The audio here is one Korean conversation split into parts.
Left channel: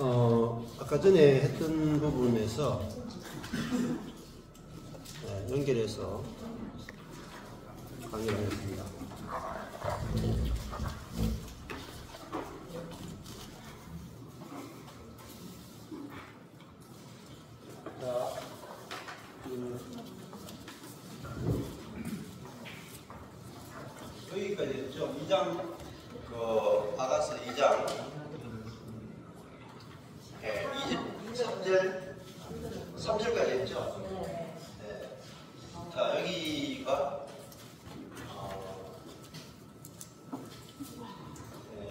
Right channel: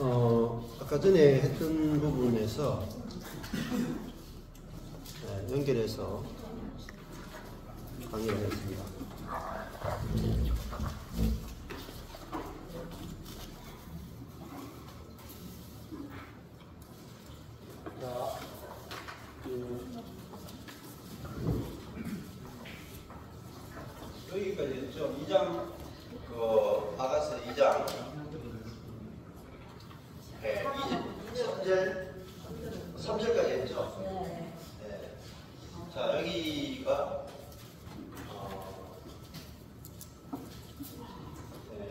아까 전에 했던 부분에서 연결해서 강의를 했습니다. 자, 여기까지 했죠. 2장, 아가서 2장. 네, 3절까지 했죠. 네. 자, 여기가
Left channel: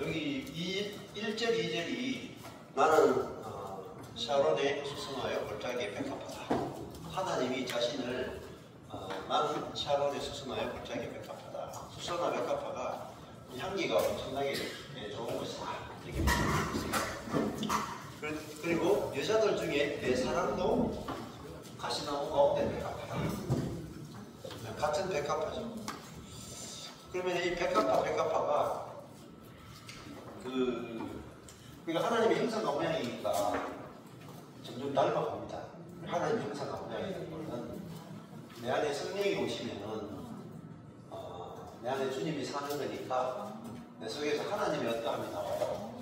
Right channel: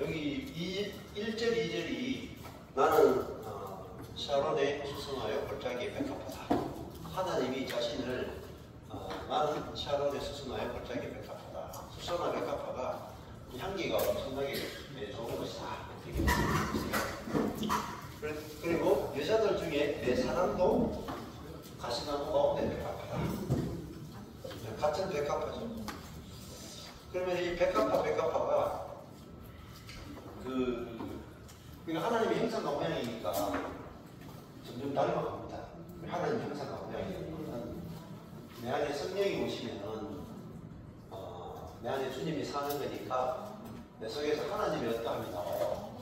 여기 1절, 2절이 나는 샤론의 수선하여 골짜기에 백합하다. 하나님이 자신을 나는 샤론의 수선하여 골짜기에 백합하다. 수선화 백합화가 향기가 엄청나게 좋은 것이다. 이렇게 말씀드립니다. 그리고 여자들 중에 내 사랑도 가시나무 가운데 백합하다. 같은 백합화죠. 그러면 이 백합화가 그러니까 하나님의 형상과 모양이니까 점점 닮아갑니다. 하나님 형상과 모양이니까 내 안에 성령이 오시면은 내 안에 주님이 사는 거니까 내 속에서 하나님의 어떠함이 나와요.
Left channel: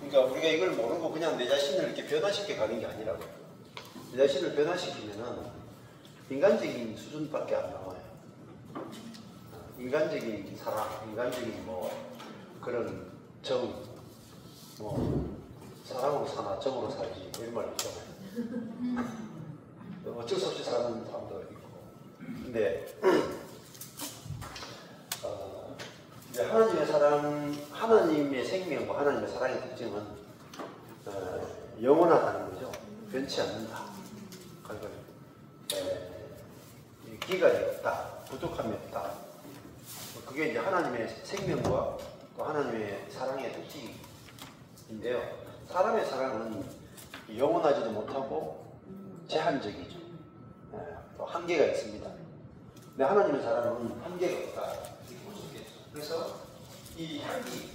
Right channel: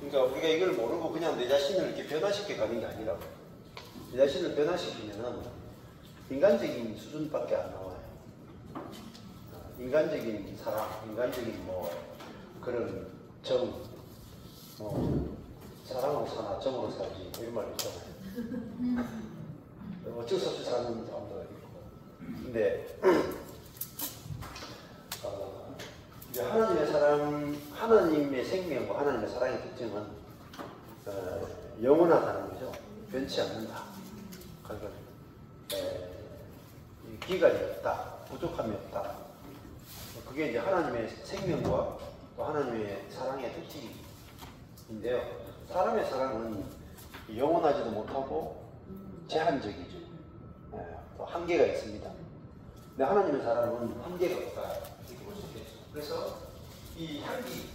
그러니까 우리가 이걸 모르고 그냥 내 자신을 이렇게 변화시켜 가는 게 아니라고. 내 자신을 변화시키면은 인간적인 수준밖에 안 나와요. 인간적인 사랑, 인간적인 그런 정, 사랑으로 사나 정으로 살지 이런 말 있잖아요. 어쩔 수 없이 사는 사람도 있고. 근데 이제 하나님의 사랑, 하나님의 생명과 하나님의 사랑의 특징은 영원하다는 거죠. 변치 않는다. 그러니까 기간이 없다, 부족함이 없다. 그게 이제 하나님의 생명과 또 하나님의 사랑의 특징인데요. 사람의 사랑은 영원하지도 못하고 제한적이죠. 또 한계가 있습니다. 근데 하나님의 사랑은 한계가 없다. 이렇게 볼 수 있겠죠. 그래서 이 향기,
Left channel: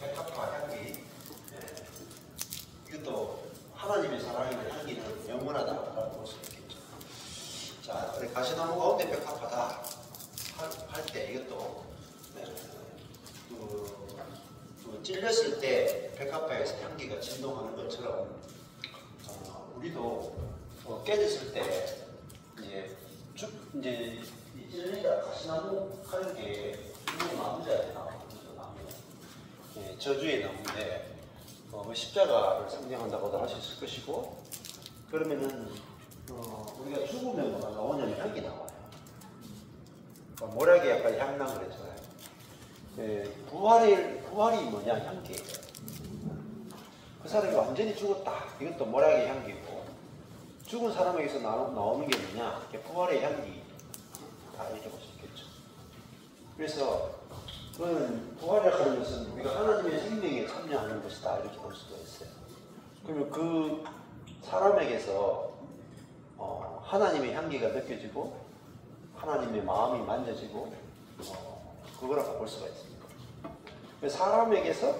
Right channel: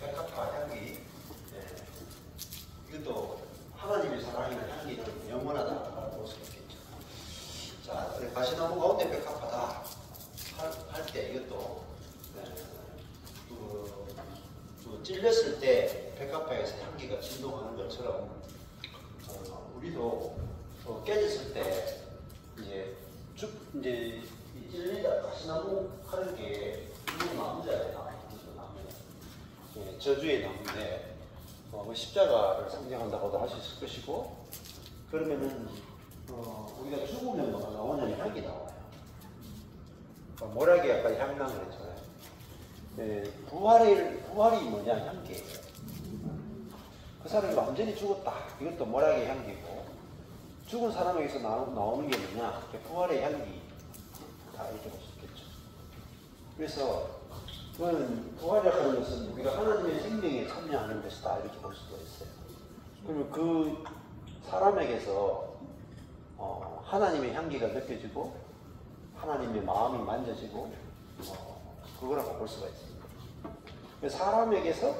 백합화 향기, 이것도 하나님의 사랑의 향기는 영원하다고 볼 수 있겠죠. 자, 가시나무 가운데 백합화다 할 때 이것도 찔렸을 때 백합화에서 향기가 진동하는 것처럼 우리도 깨졌을 때 이제 찔리다 가시나무 하는 게 나무잖아요. 저주의 나무인데 십자가를 상징한다고도 할 수 있을 것이고, 그러면은 우리가 죽으면 뭐가 나오냐면 향기 나와요. 모략이 약간 향난 그랬잖아요. 부활이 뭐냐? 향기예요. 그 사람이 완전히 죽었다. 이것도 모략의 향기고, 죽은 사람에게서 나오는 게 뭐냐? 부활의 향기다. 이렇게 볼 수 있겠죠. 그래서 그건 부활이라고 하는 것은 우리가 하나님의 생명에 참여하는 것이다. 이렇게 볼 수가 있어요. 그리고 그 사람에게서 하나님의 향기가 느껴지고 하나님의 마음이 만져지고 그거라고 볼 수가 있습니다. 사람에게서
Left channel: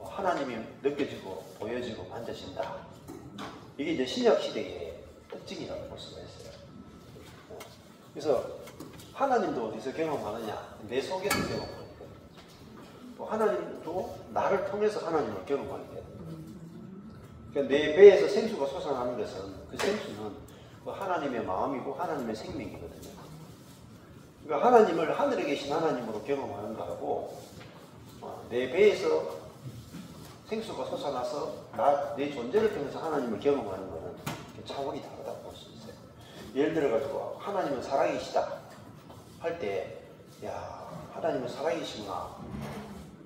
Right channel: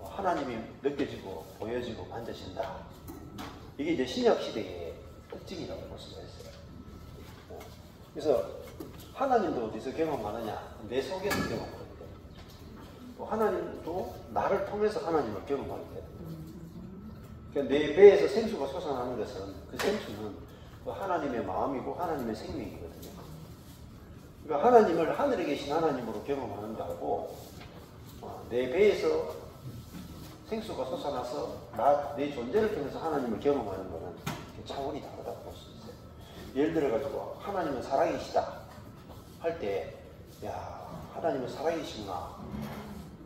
하나님이 느껴지고 보여지고 만져진다. 이게 이제 신약 시대의 특징이라고 볼 수가 있어요. 그래서 하나님도 어디서 경험하느냐? 내 속에서 경험하거든요. 또 하나님도 나를 통해서 하나님을 경험하게 됩니다. 그러니까 내 배에서 생수가 솟아나는 것은 그 생수는 하나님의 마음이고 하나님의 생명이거든요. 그러니까 하나님을 하늘에 계신 하나님으로 경험하는 거하고 내 배에서 생수가 솟아나서 내 존재를 통해서 하나님을 경험하는 것은 차원이 다르다고 볼 수 있어요. 예를 들어가지고 하나님은 사랑이시다 할 때, 야, 하나님은 사랑이시구나.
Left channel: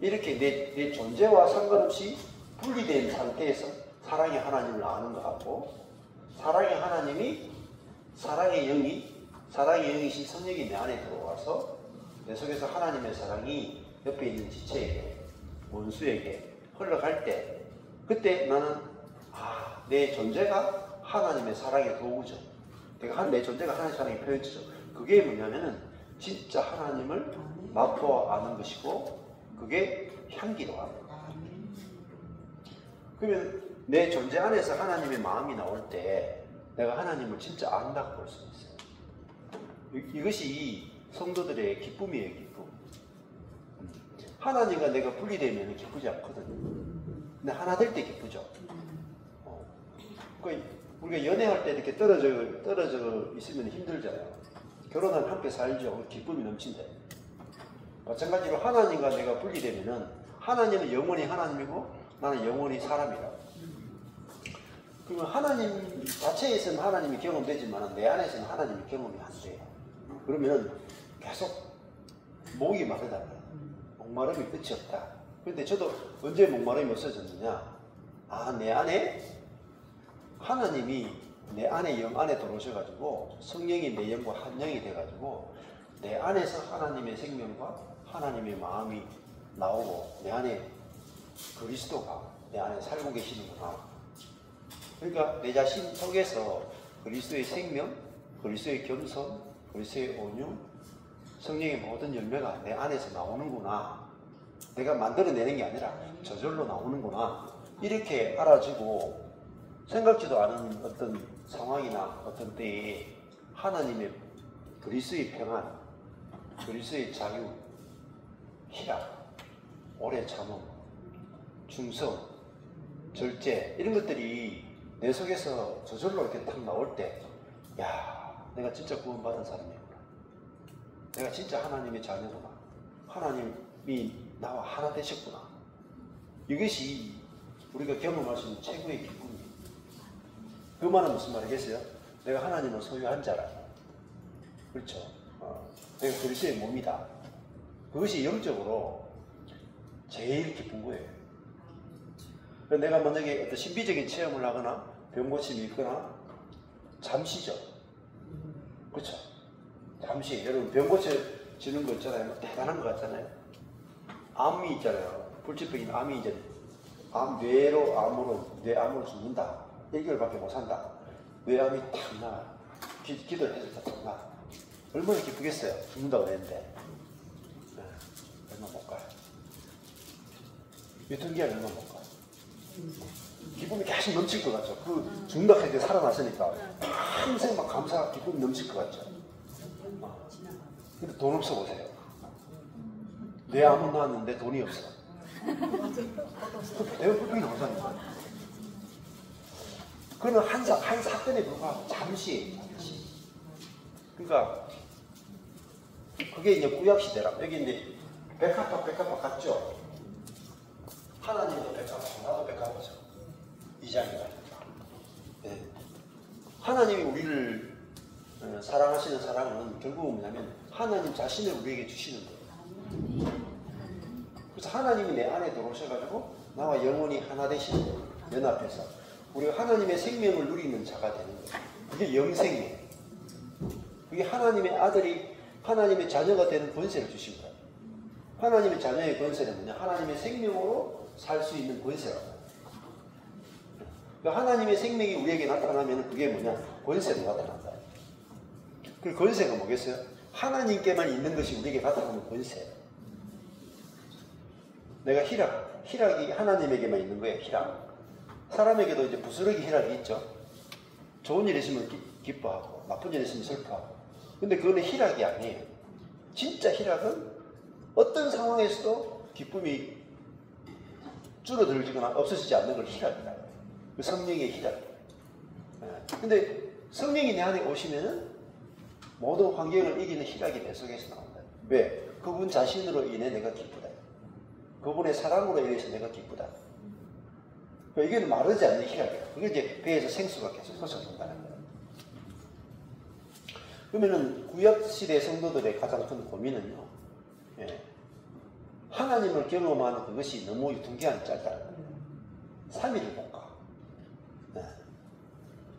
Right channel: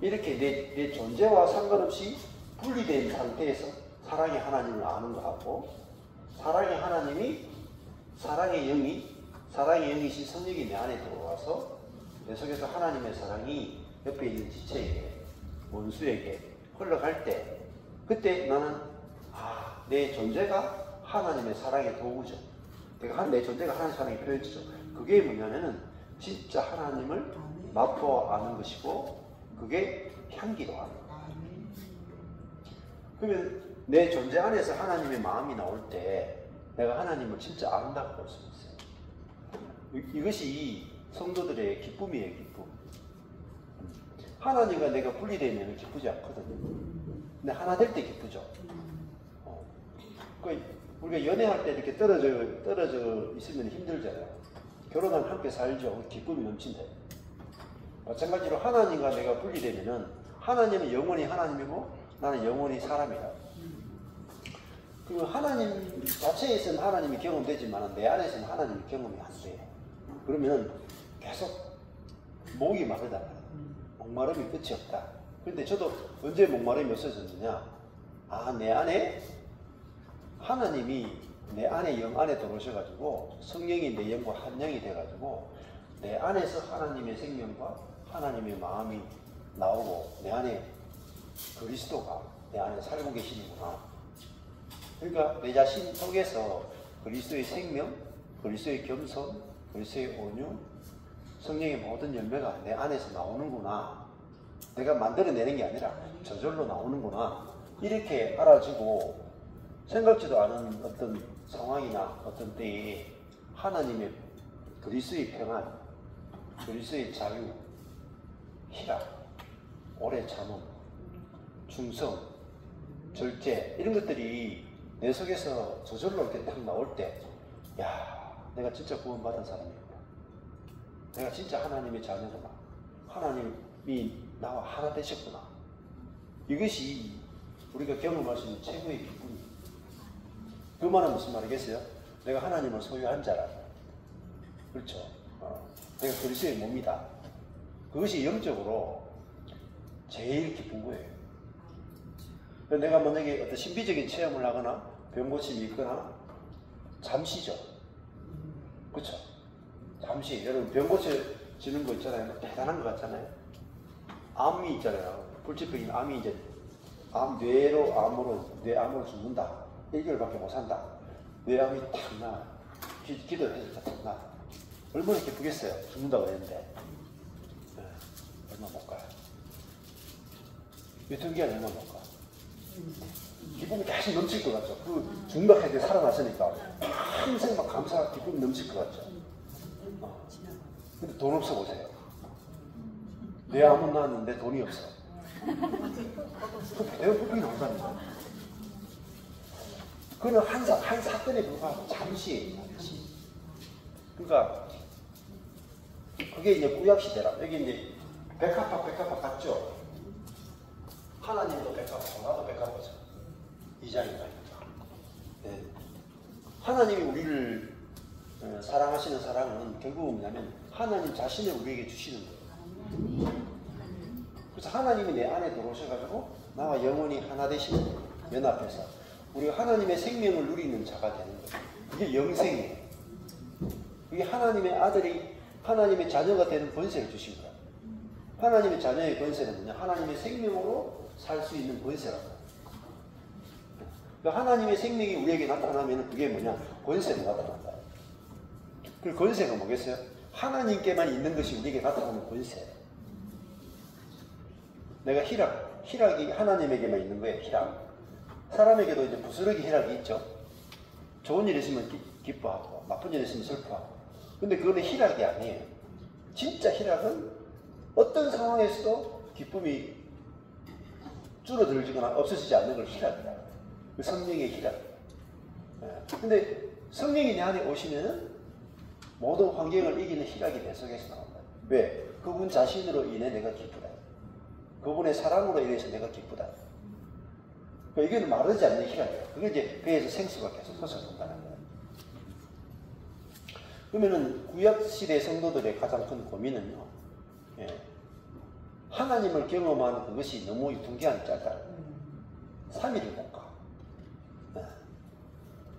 이렇게 내 존재와 상관없이 분리된 상태에서 사랑의 하나님을 아는 것하고, 사랑의 하나님이 사랑의 영이신 성령이 내 안에 들어와서 내 속에서 하나님의 사랑이 옆에 있는 지체에게, 원수에게 흘러갈 때, 그때 나는 내 존재가 하나님의 사랑의 도구죠. 그러니까 내 존재가 하나님의 사랑이 표현이죠. 그게 뭐냐면은 진짜 하나님을 맛보아 아는 것이고, 그게 향기로 아는 거예요. 그러면 내 존재 안에서 하나님의 마음이 나올 때 내가 하나님을 진짜 안다고 볼 수 있어요. 이것이 성도들의 기쁨이에요, 기쁨. 하나님과 내가 분리되면 기쁘지 않거든요. 근데 하나 될 때 기쁘죠. 우리가 연애할 때 이렇게 떨어져 있으면 힘들잖아요. 결혼하면 함께 살죠. 기쁨이 넘친다. 마찬가지로 하나님과 내가 분리되면은 하나님은 영원히 하나님이고 나는 영원히 사람이다. 그러면 하나님 자체에서는 하나님이 경험되지만 내 안에서는 하나님이 경험이 안 돼요. 그러면 계속 목이 마르다. 목마름이 끝이 없다. 그런데 저도 언제 목마름이 없어졌느냐? 내 안에 하나님이 내 안에 영 안에 들어오셔가지고 성령이 내 영과 한 영이 돼가지고 내 안에서 하나님의 생명과 하나님의 마음이 나오고 내 안에 그리스도가 내 안에 살고 계시는구나. 그러니까 내 자신 속에서 그리스도의 생명, 그리스도의 겸손, 그리스도의 온유, 성령의 모든 열매가 내 안에서 나오는구나. 내가 만들어내는 게 아니라 저절로 나오는구나. 이렇게 알아지고 생각지도 않은 어떤 상황이나 어떤 때에 하나님의 그리스도의 평안, 그리스도의 자유, 희락, 오래 참음, 충성, 절제 이런 것들이 내 속에서 저절로 이렇게 탁 나올 때 내가 진짜 구원받은 사람이구나. 내가 진짜 하나님의 자녀구나. 하나님이 나와 하나 되셨구나. 이것이 우리가 경험할 수 있는 최고의 기쁨이에요. 그 말은 무슨 말이겠어요? 내가 하나님을 소유한 자라. 그렇죠. 내가 그리스도의 몸이다. 그것이 영적으로 제일 기쁜 거예요. 내가 만약에 어떤 신비적인 체험을 하거나 병 고침이 있거나 잠시죠. 그렇죠. 잠시 여러분 병 고쳐지는 거 있잖아요. 대단한 거 같잖아요. 암이 있잖아요. 불치병인 암이 이제 뇌암으로 죽는다. 1개월밖에 못 산다. 뇌암이 탁 나. 기도를 해서 탁 나. 얼마나 기쁘겠어요. 죽는다고 그랬는데. 얼마 못 가요. 유통기한 얼마 못 가요. 기쁨이 계속 넘칠 것 같죠. 그 죽는다 해게 살아났으니까 평생 막 감사, 기쁨이 넘칠 것 같죠. 근데 돈 없어 보세요. 뇌암은 나왔는데 돈이 없어. 내가 불평이 나온다니까. 그는 한 사건에 불과하고 잠시. 그러니까 그게 이제 구약시대라. 여기 이제 백합화 같죠? 하나님도 백합화, 나도 백합화죠. 2장이다. 네. 하나님이 우리를 사랑하시는 사랑은 결국은 뭐냐면 하나님 자신을 우리에게 주시는 거예요. 그래서 하나님이 내 안에 들어오셔가지고 나와 영원히 하나 되시는 거예요. 연합해서. 우리가 하나님의 생명을 누리는 자가 되는 거예요. 그게 영생이에요. 그게 하나님의 아들이 하나님의 자녀가 되는 권세를 주신 거예요. 하나님의 자녀의 권세는 뭐냐? 하나님의 생명으로 살 수 있는 권세라고. 그러니까 하나님의 생명이 우리에게 나타나면 그게 뭐냐? 권세로 나타난다. 그 권세가 뭐겠어요? 하나님께만 있는 것이 우리에게 나타나는 권세예요. 내가 희락이 하나님에게만 있는 거예요. 희락. 사람에게도 이제 부스러기 희락이 있죠. 좋은 일 있으면 기뻐하고 나쁜 일 있으면 슬퍼하고. 근데 그거는 희락이 아니에요. 진짜 희락은 어떤 상황에서도 기쁨이 줄어들거나 없어지지 않는 걸 희락이다. 그 성령의 희락. 근데 성령이 내 안에 오시면은 모든 환경을 이기는 희락이 내 속에서 나온다. 왜? 그분 자신으로 인해 내가 기쁘다. 그분의 사랑으로 인해서 내가 기쁘다. 그러니까 이게 마르지 않는 희락이야. 그게 이제 배에서 생수가 계속 솟아난다는 거예요. 그러면은 구약시대 성도들의 가장 큰 고민은요. 하나님을 경험하는 그것이 너무 유통기한이 짧다는 거예요. 3일을 못 가.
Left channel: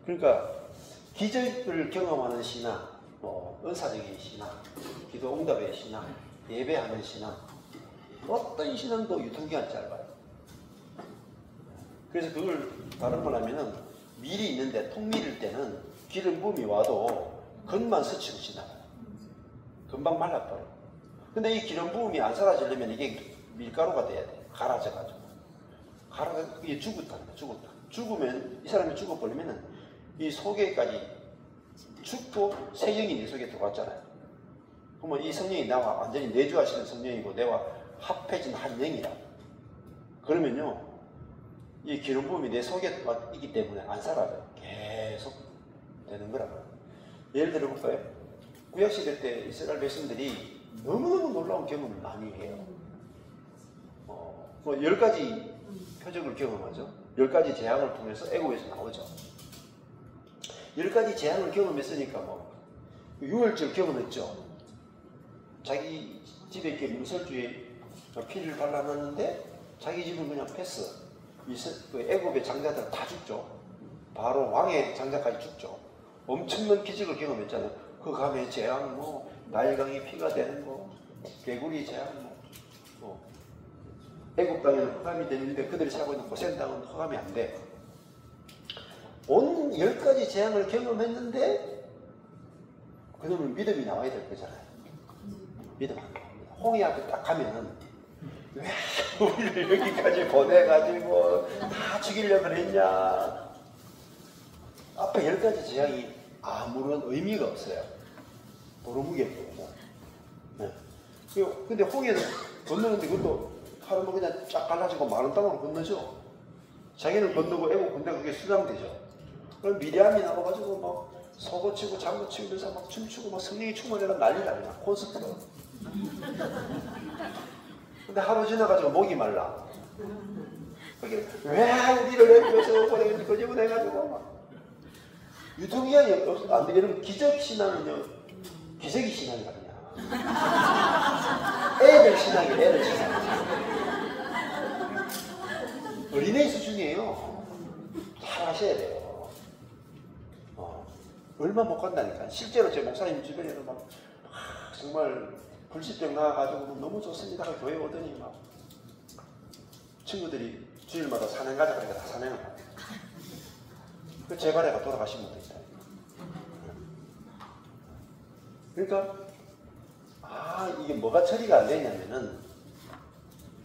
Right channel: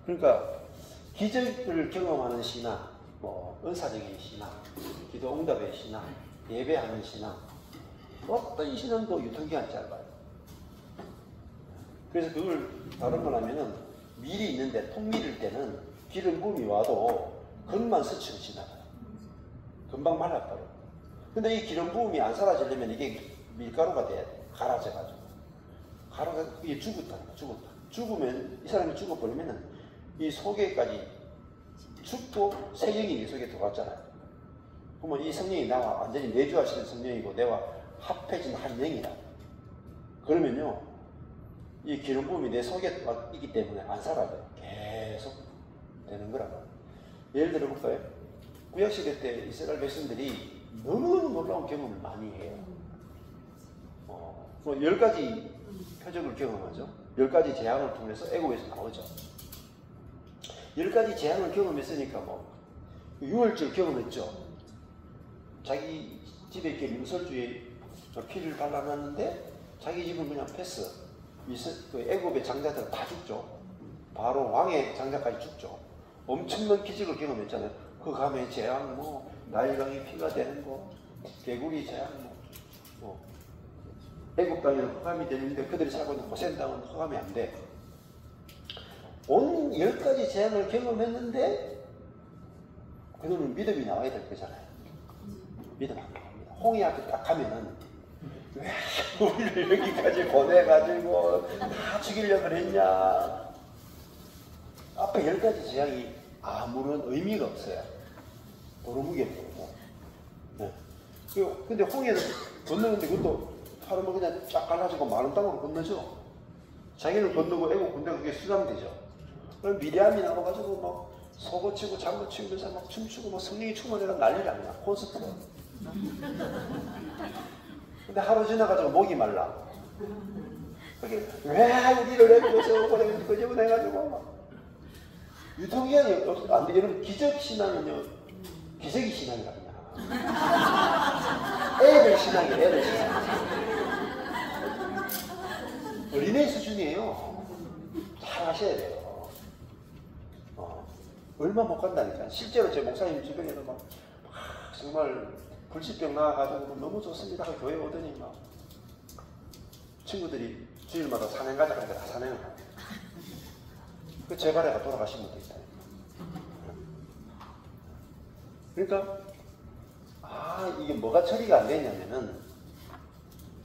그러니까 기적을 경험하는 신앙, 은사적인 신앙, 기도 응답의 신앙, 예배하는 신앙, 어떤 신앙도 유통기한이 짧아요. 그래서 그걸 다른 말 하면은 밀이 있는데 통 밀을 때는 기름 부음이 와도 겉만 스치고 지나가요. 금방 말라버려. 근데 이 기름 부음이 안 사라지려면 이게 밀가루가 돼야 돼. 갈아져가지고. 가라가 이게 죽었답니다. 죽었다. 죽으면 이 사람이 죽어버리면은 이 속에까지 죽고 새 영이 내 속에 들어왔잖아요. 그러면 이 성령이 나와 완전히 내주하시는 성령이고 내와 합해진 한 영이라. 그러면요 이 기름 부음이 내 속에 있기 때문에 안 사라져요. 계속 되는 거라고. 예를 들어 볼까요? 구약시대 때 이스라엘 백성들이 너무너무 놀라운 경험을 많이 해요. 10가지 표적을 경험하죠. 10가지 재앙을 통해서 애국에서 나오죠. 10가지 재앙을 경험했으니까 뭐 유월절 경험했죠. 자기 집에 이렇게 문설주에 피를 발라놨는데 자기 집은 그냥 패스. 애국의 장자들은 다 죽죠. 바로 왕의 장자까지 죽죠. 엄청난 기적을 경험했잖아요. 그 감에 재앙, 뭐 나일강이 피가 되는 거, 개구리 재앙, 애국 땅에는 흑암이 되는데 그들이 살고 있는 고센 땅은 흑암이 안 돼. 온 10가지 재앙을 경험했는데 그놈은 믿음이 나와야 될 거잖아요. 믿음 안 나옵니다. 홍해 앞에 딱 가면 왜 우리를 여기까지 보내가지고 다 죽이려고 그랬냐. 앞에 10가지 재앙이 아무런 의미가 없어요. 도루묵이고. 네. 근데 홍해는 건너는데 그것도 하루만 그냥 쫙 갈라지고 마른 땅으로 건너죠. 자기는 건너고 애국 군대가 그게 수장되죠. 그럼 미리암이 나와가지고 막 서고치고 장구치면서 막 춤추고 막 성령이 충만해가 난리가 그냥 콘서트로. 근데 하루 지나가지고 목이 말라. 그게 왜 우리를 애국에서 보내는지 거짓말해가지고 막 유통기한이 안 돼. 여러분 기적 신앙은요 기적이 신앙이라 그냥. 애들 신앙이 애들 신앙. 어린애 수준이에요. 잘 하셔야 돼요. 얼마 못 간다니까. 실제로 제 목사님 주변에도 막 정말 불치병 나와가지고 너무 좋습니다. 교회 오더니 막 친구들이 주일마다 산행 가자 그러니까 다 산행을 합니다. 그 재발해가 돌아가신 분도 있다. 그러니까 이게 뭐가 처리가 안 되냐면은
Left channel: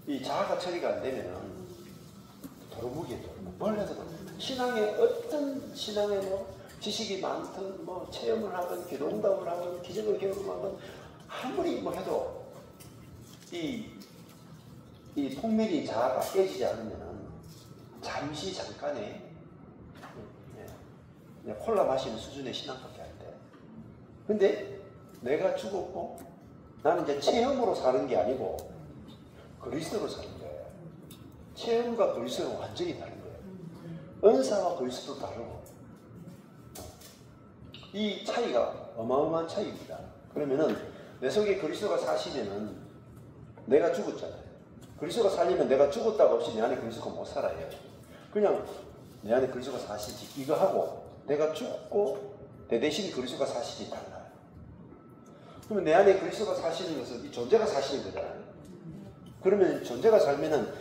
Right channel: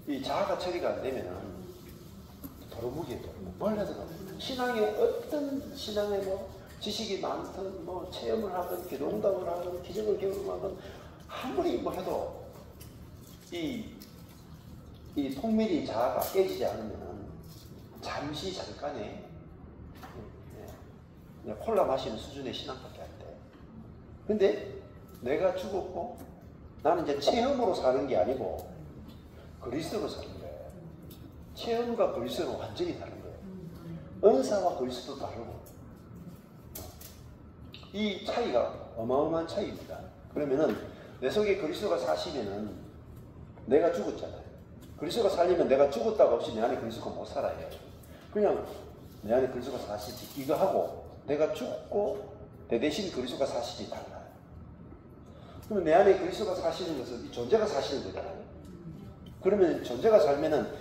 이 자아가 처리가 안 되면은 도루묵이에요. 도루묵. 뭘 해도 신앙에 어떤 신앙에 뭐 지식이 많든 뭐 체험을 하든 기도응답을 하든 기적을 경험하든 아무리 뭐 해도 이 통밀이 자아가 깨지지 않으면은 잠시 잠깐의 콜라 마시는 수준의 신앙밖에 안 돼. 근데 내가 죽었고 나는 이제 체험으로 사는 게 아니고 그리스도로 사는 거예요. 체험과 그리스도는 완전히 다른 거예요. 은사와 그리스도도 다르고 이 차이가 어마어마한 차이입니다. 그러면은 내 속에 그리스도가 사시면은 내가 죽었잖아요. 그리스도가 살리면 내가 죽었다가 없이 내 안에 그리스도가 못 살아요. 그냥 내 안에 그리스도가 사시지 이거 하고 내가 죽고 내 대신 그리스도가 사시지 달라요. 그러면 내 안에 그리스도가 사시는 것은 이 존재가 사시는 거잖아요. 그러면 존재가 살면은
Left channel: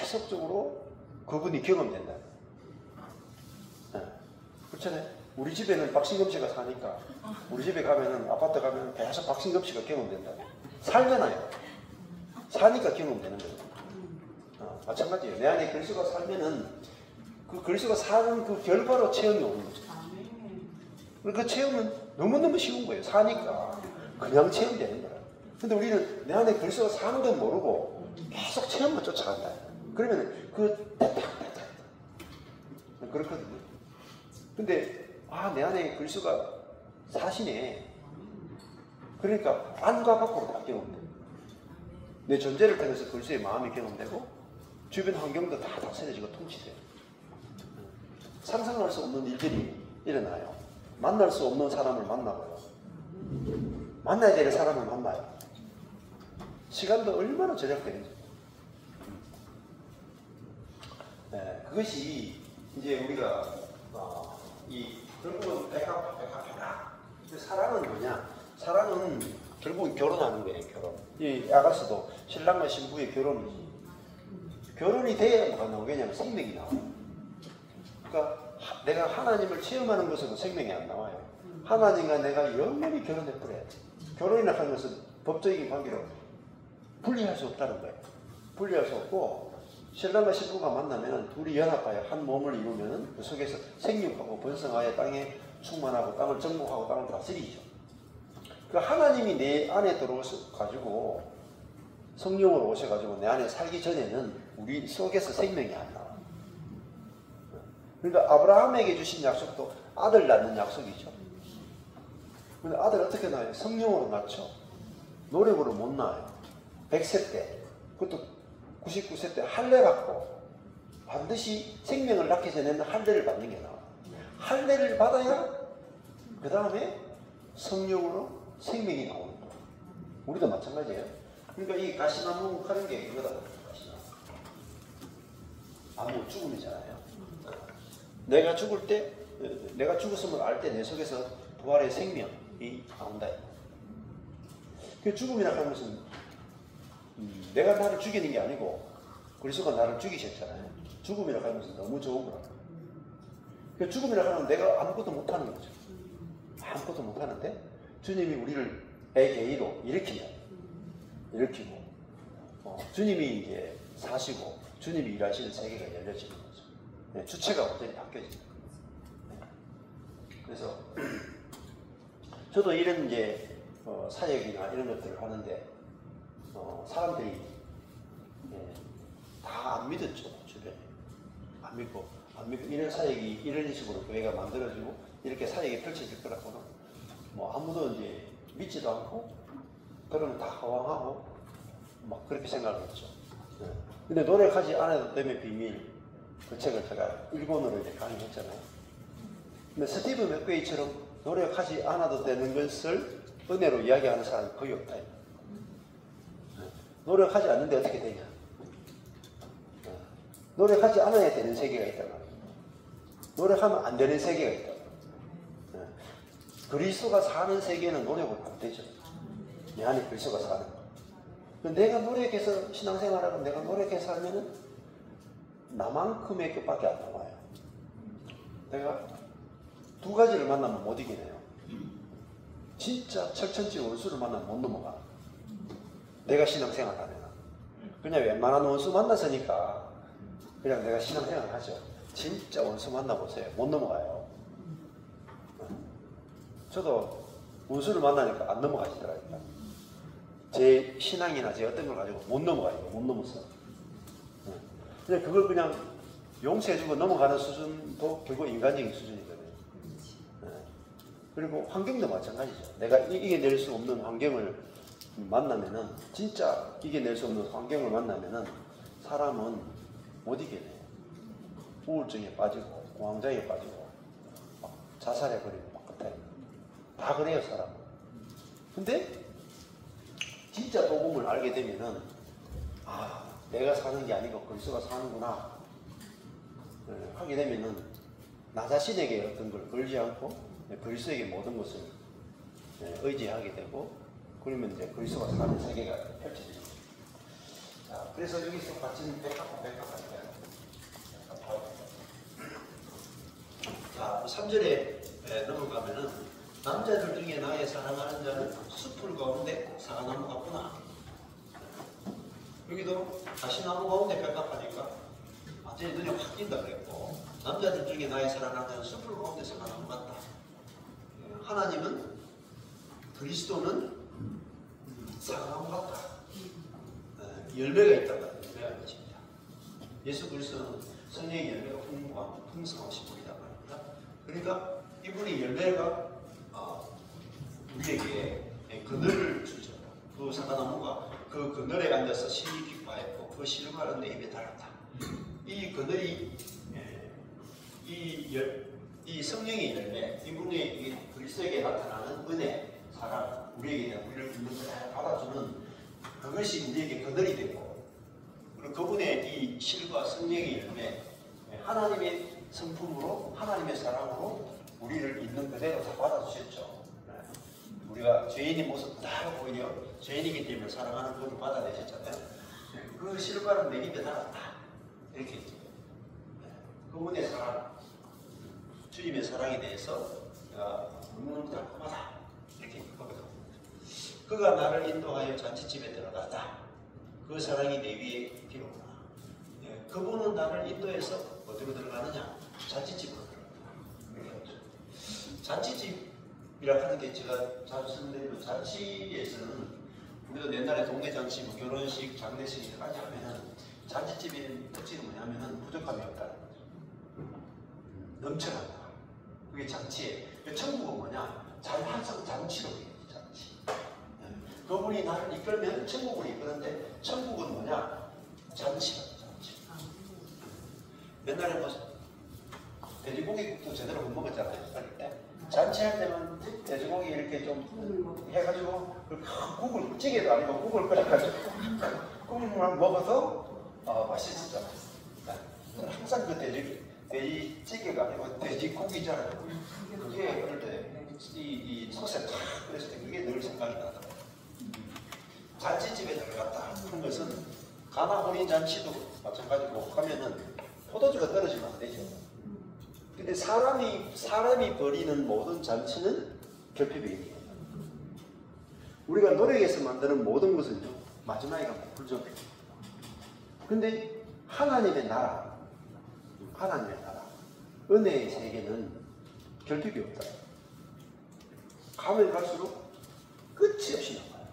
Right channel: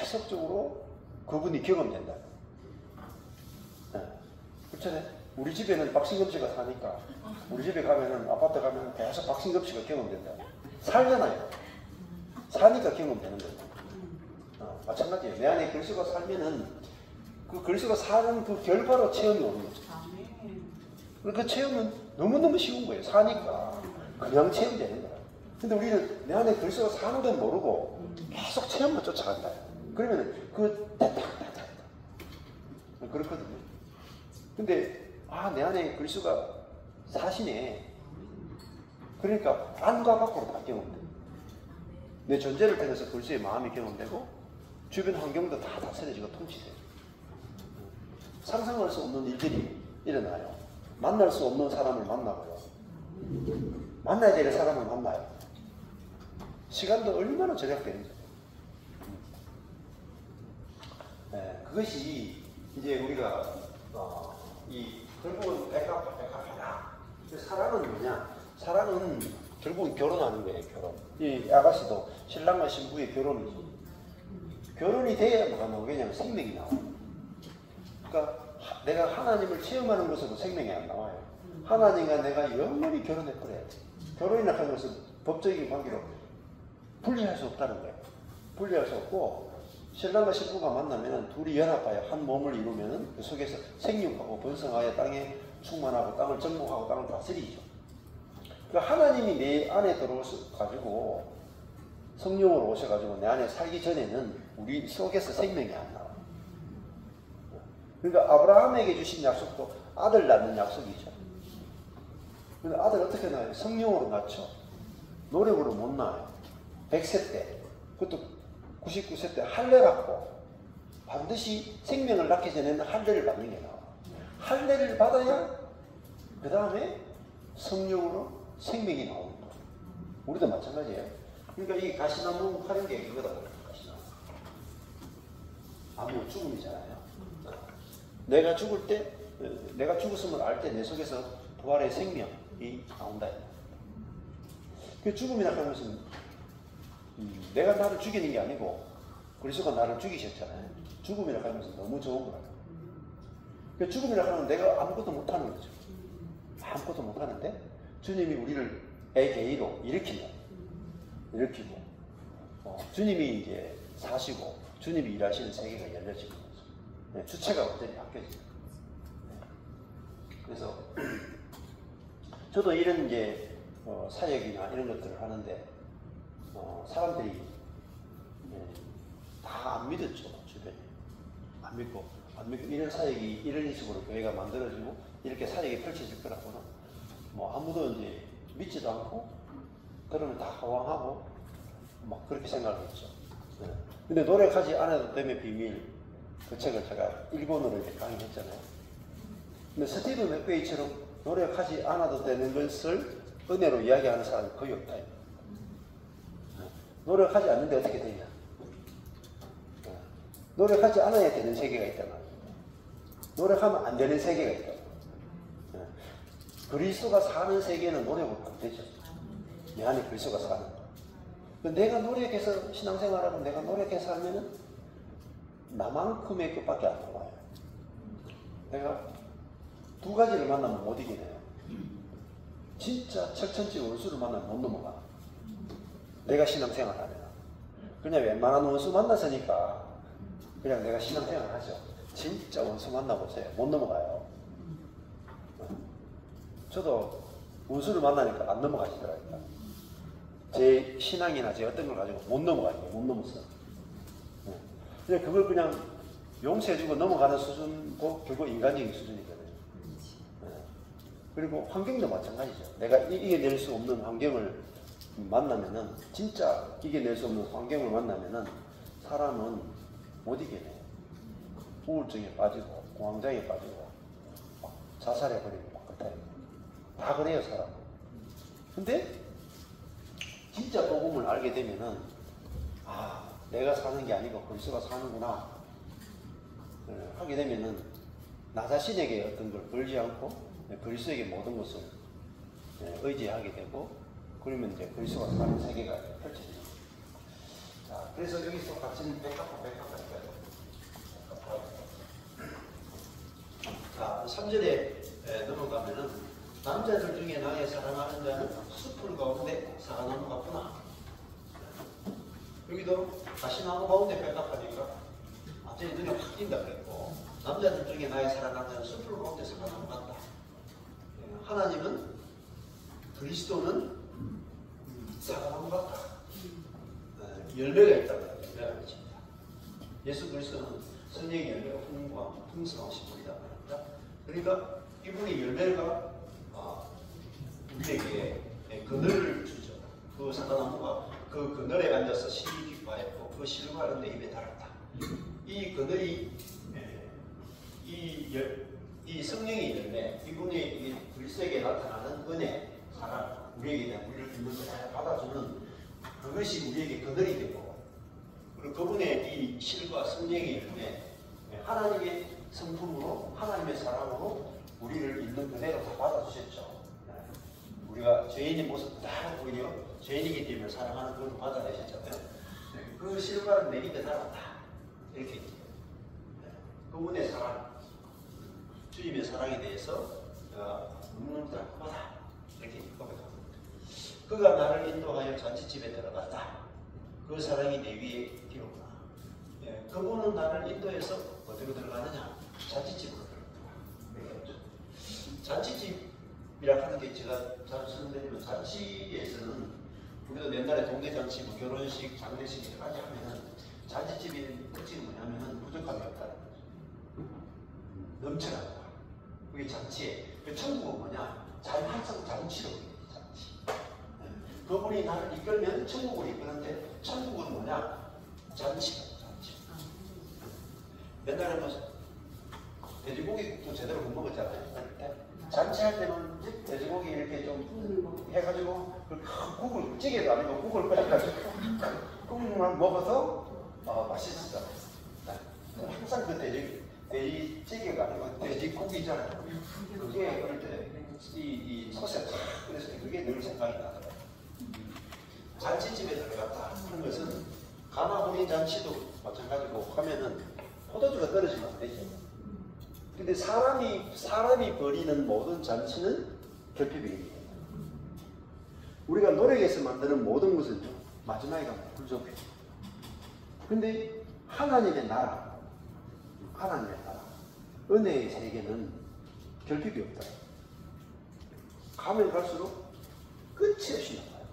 계속적으로 그분이 경험된다. 네. 그렇잖아요. 우리 집에는 박신금 씨가 사니까 우리 집에 가면은 아파트 가면은 계속 박신금 씨가 경험된다. 살잖아요. 사니까 경험되는 거예요. 마찬가지예요. 내 안에 그리스도가 살면은 그 그리스도가 사는 그 결과로 체험이 오는 거죠. 그 체험은 너무너무 쉬운 거예요. 사니까 그냥 체험되는 거야. 근데 우리는 내 안에 그리스도가 사는 건 모르고 계속 체험만 쫓아간다. 그러면 그렇거든요. 근데 내 안에 그리스도가 사시네. 그러니까 안과 밖으로 다 경험돼. 내 존재를 통해서 그리스도의 마음이 경험되고 주변 환경도 다 다스려지고 통치돼요. 상상할 수 없는 일들이 일어나요. 만날 수 없는 사람을 만나고요. 만나야 될 사람을 만나요. 시간도 얼마나 절약되는지. 네, 그것이 이제 우리가 결국은 백합하나. 사랑은 뭐냐? 사랑은 결국은 결혼하는 거예요. 결혼. 이 아가스도 신랑과 신부의 결혼이지. 결혼이 돼야 뭐가 나오고 왜냐하면 생명이 나와요. 그러니까 내가 하나님을 체험하는 것으로 생명이 안 나와요. 하나님과 내가 영원히 결혼해버려야 돼. 결혼이라는 하는 것은 법적인 관계로 분리할 수 없다는 거예요. 분리할 수 없고 신랑과 신부가 만나면 둘이 연합하여 한 몸을 이루면 그 속에서 생육하고 번성하여 땅에 충만하고 땅을 정복하고 땅을 다스리죠. 그 하나님이 내 안에 들어오셔가지고 성령으로 오셔가지고 내 안에 살기 전에는 우리 속에서 생명이 안 나와. 그러니까 아브라함에게 주신 약속도 아들 낳는 약속이죠. 근데 아들 어떻게 낳아요? 성령으로 낳죠. 노력으로 못 낳아요. 100세 때, 그것도 99세 때 할례 받고 반드시 생명을 낳기 전에는 할례를 받는 게 나와요. 할례를 받아야 그 다음에 성령으로 생명이 나오는 거예요. 우리도 마찬가지예요. 그러니까 이 가시나무 하는 게 이거다. 가시나무. 아무 죽음이잖아요. 내가 죽을 때, 내가 죽었음을 알 때 내 속에서 부활의 생명이 나온다. 그 죽음이라고 하는 것은 내가 나를 죽이는 게 아니고 그리스도가 나를 죽이셨잖아요. 죽음이라고 하는 것은 너무 좋은 거라고. 그 죽음이라고 하는 건 내가 아무것도 못하는 거죠. 아무것도 못하는데 주님이 우리를 에게이로 일으키고 주님이 이제 사시고 주님이 일하시는 세계가 열려지는 거죠. 네, 주체가 완전히 바뀌어지는 거예요. 네. 그래서 저도 이런 이제 사역이나 이런 것들을 하는데 사람들이 다 안 믿었죠. 주변에 안 믿고 이런 사역이 이런 식으로 교회가 만들어지고 이렇게 사역이 펼쳐질 거라고는 뭐 아무도 이제 믿지도 않고 그러면 다 허황하고 막 그렇게 생각했죠. 네. 근데 노력하지 않아도 됨의 비밀 그 책을 제가 일본어로 이제 강의했잖아요. 근데 스티브 맥베이처럼 노력하지 않아도 되는 것을 은혜로 이야기하는 사람이 거의 없다. 노력하지 않는데 어떻게 되냐? 노력하지 않아야 되는 세계가 있단 말이에요. 노력하면 안 되는 세계가 있다. 그리스도가 사는 세계는 노력으로 안 되죠. 내 안에 그리스도가 사는 거. 내가 노력해서 신앙생활하고 내가 노력해서 살면은 나만큼의 것밖에 안 나와요. 내가 두 가지를 만나면 못 이기네요. 진짜 철천지 원수를 만나면 못 넘어가. 내가 신앙생활 하면. 그냥 웬만한 원수 만났으니까 그냥 내가 신앙생활 하죠. 진짜 원수 만나보세요. 못 넘어가요. 저도 원수를 만나니까 안 넘어가시더라고요. 제 신앙이나 제 어떤 걸 가지고 못 넘어가요. 못 넘었어요. 근데 그걸 그냥 용서해주고 넘어가는 수준도 결국 인간적인 수준이거든요. 그리고 환경도 마찬가지죠. 내가 이겨낼 수 없는 환경을 만나면은, 진짜 이겨낼 수 없는 환경을 만나면은 사람은 못 이겨내요. 우울증에 빠지고 공황장애에 빠지고 막 자살해버리고 막 그래요. 다 그래요, 사람은. 근데 진짜 복음을 알게 되면은 내가 사는 게 아니고 그리스도가 사는구나 하게 되면은 나 자신에게 어떤 걸 걸지 않고 그리스도에게 모든 것을 의지하게 되고, 그러면 이제 그리스도가 사는 세계가 펼쳐지죠. 자, 그래서 여기서 같은 백합할까요? 자, 3절에 넘어가면은 남자들 중에 나의 사랑하는 자는 숲풀 가운데 사과나무 같구나. 여기도 가시나무 가운데 백합하니까 완전히 눈이 확 띈다 그랬고, 남자들 중에 나의 사랑하는 자는 숲풀 가운데 사과나무 같다. 하나님은, 그리스도는 사과나무 같다. 열매가 있다고 열매가 있습니다. 예수 그리스도는 성령의 열매가 풍성하신 분이다 말입니다. 그러니까 이분의 열매가 우리에게 그늘을 주죠. 그 사과나무가 그 그늘에 앉아서 실이 기뻐했고 그 실과를 내 입에 달았다. 이 그늘이 이 성령의 열매, 이분의 그리스도에게 나타나는 은혜, 사랑, 우리에게 우리를 붓는 것을 받아주는 그것이 우리에게 그늘이 되고, 그리고 그분의 이 실과 성령의 열매, 하나님의 성품으로, 하나님의 사랑으로 우리를 있는 그대로 다 받아주셨죠. 우리가 죄인의 모습 다 오히려 죄인이기 때문에 사랑하는 분을 받아내셨잖아요. 그 실과를 내 입에 달았다. 이렇게 있죠. 그분의 사랑, 주님의 사랑에 대해서 너무너무 달콤하다. 이렇게 고백합니다. 그가 나를 인도하여 잔치집에 들어갔다. 그 사랑이 내 위에 기록구나. 그분은 나를 인도해서 어디로 들어가느냐? 잔치집으로 들어간다. 잔치집이라 하는 게 제가 자주 설명드리면 잔치에서는 우리도 옛날에 동네 잔치, 뭐 결혼식, 장례식 여러 가지 하면은 잔치집의 특징이 뭐냐면은 부족함이 없다는 거죠. 넘쳐나는 거야. 그게 잔치에. 그 천국은 뭐냐? 항상 잔치로 해요. 잔치. 그분이 나를 이끌면 천국을 이끄는데 천국은 뭐냐? 잔치다. 잔치. 옛날에 뭐 돼지고기도 제대로 못 먹었잖아요. 잔치할 때는 돼지고기 이렇게 좀 해가지고 국을 찌개도 아니고 국을 끓여가지고 국물을 먹어서 맛있었잖아요. 항상 그 돼지찌개가 아니고 돼지고기잖아요. 그게 그럴 때 이 소스에 탁 그랬을 때 그게 늘 생각이 나더라고요. 잔치집에 들어갔다 하는 것은 가나 혼인 잔치도 마찬가지고 가면은 포도주가 떨어지면 안 되죠. 근데 사람이 벌이는 모든 잔치는 결핍이에요. 우리가 노력해서 만드는 모든 것은요, 마지막에 가면 불조해요. 근데 하나님의 나라, 은혜의 세계는 결핍이 없다. 가면 갈수록 끝이 없이 나와요.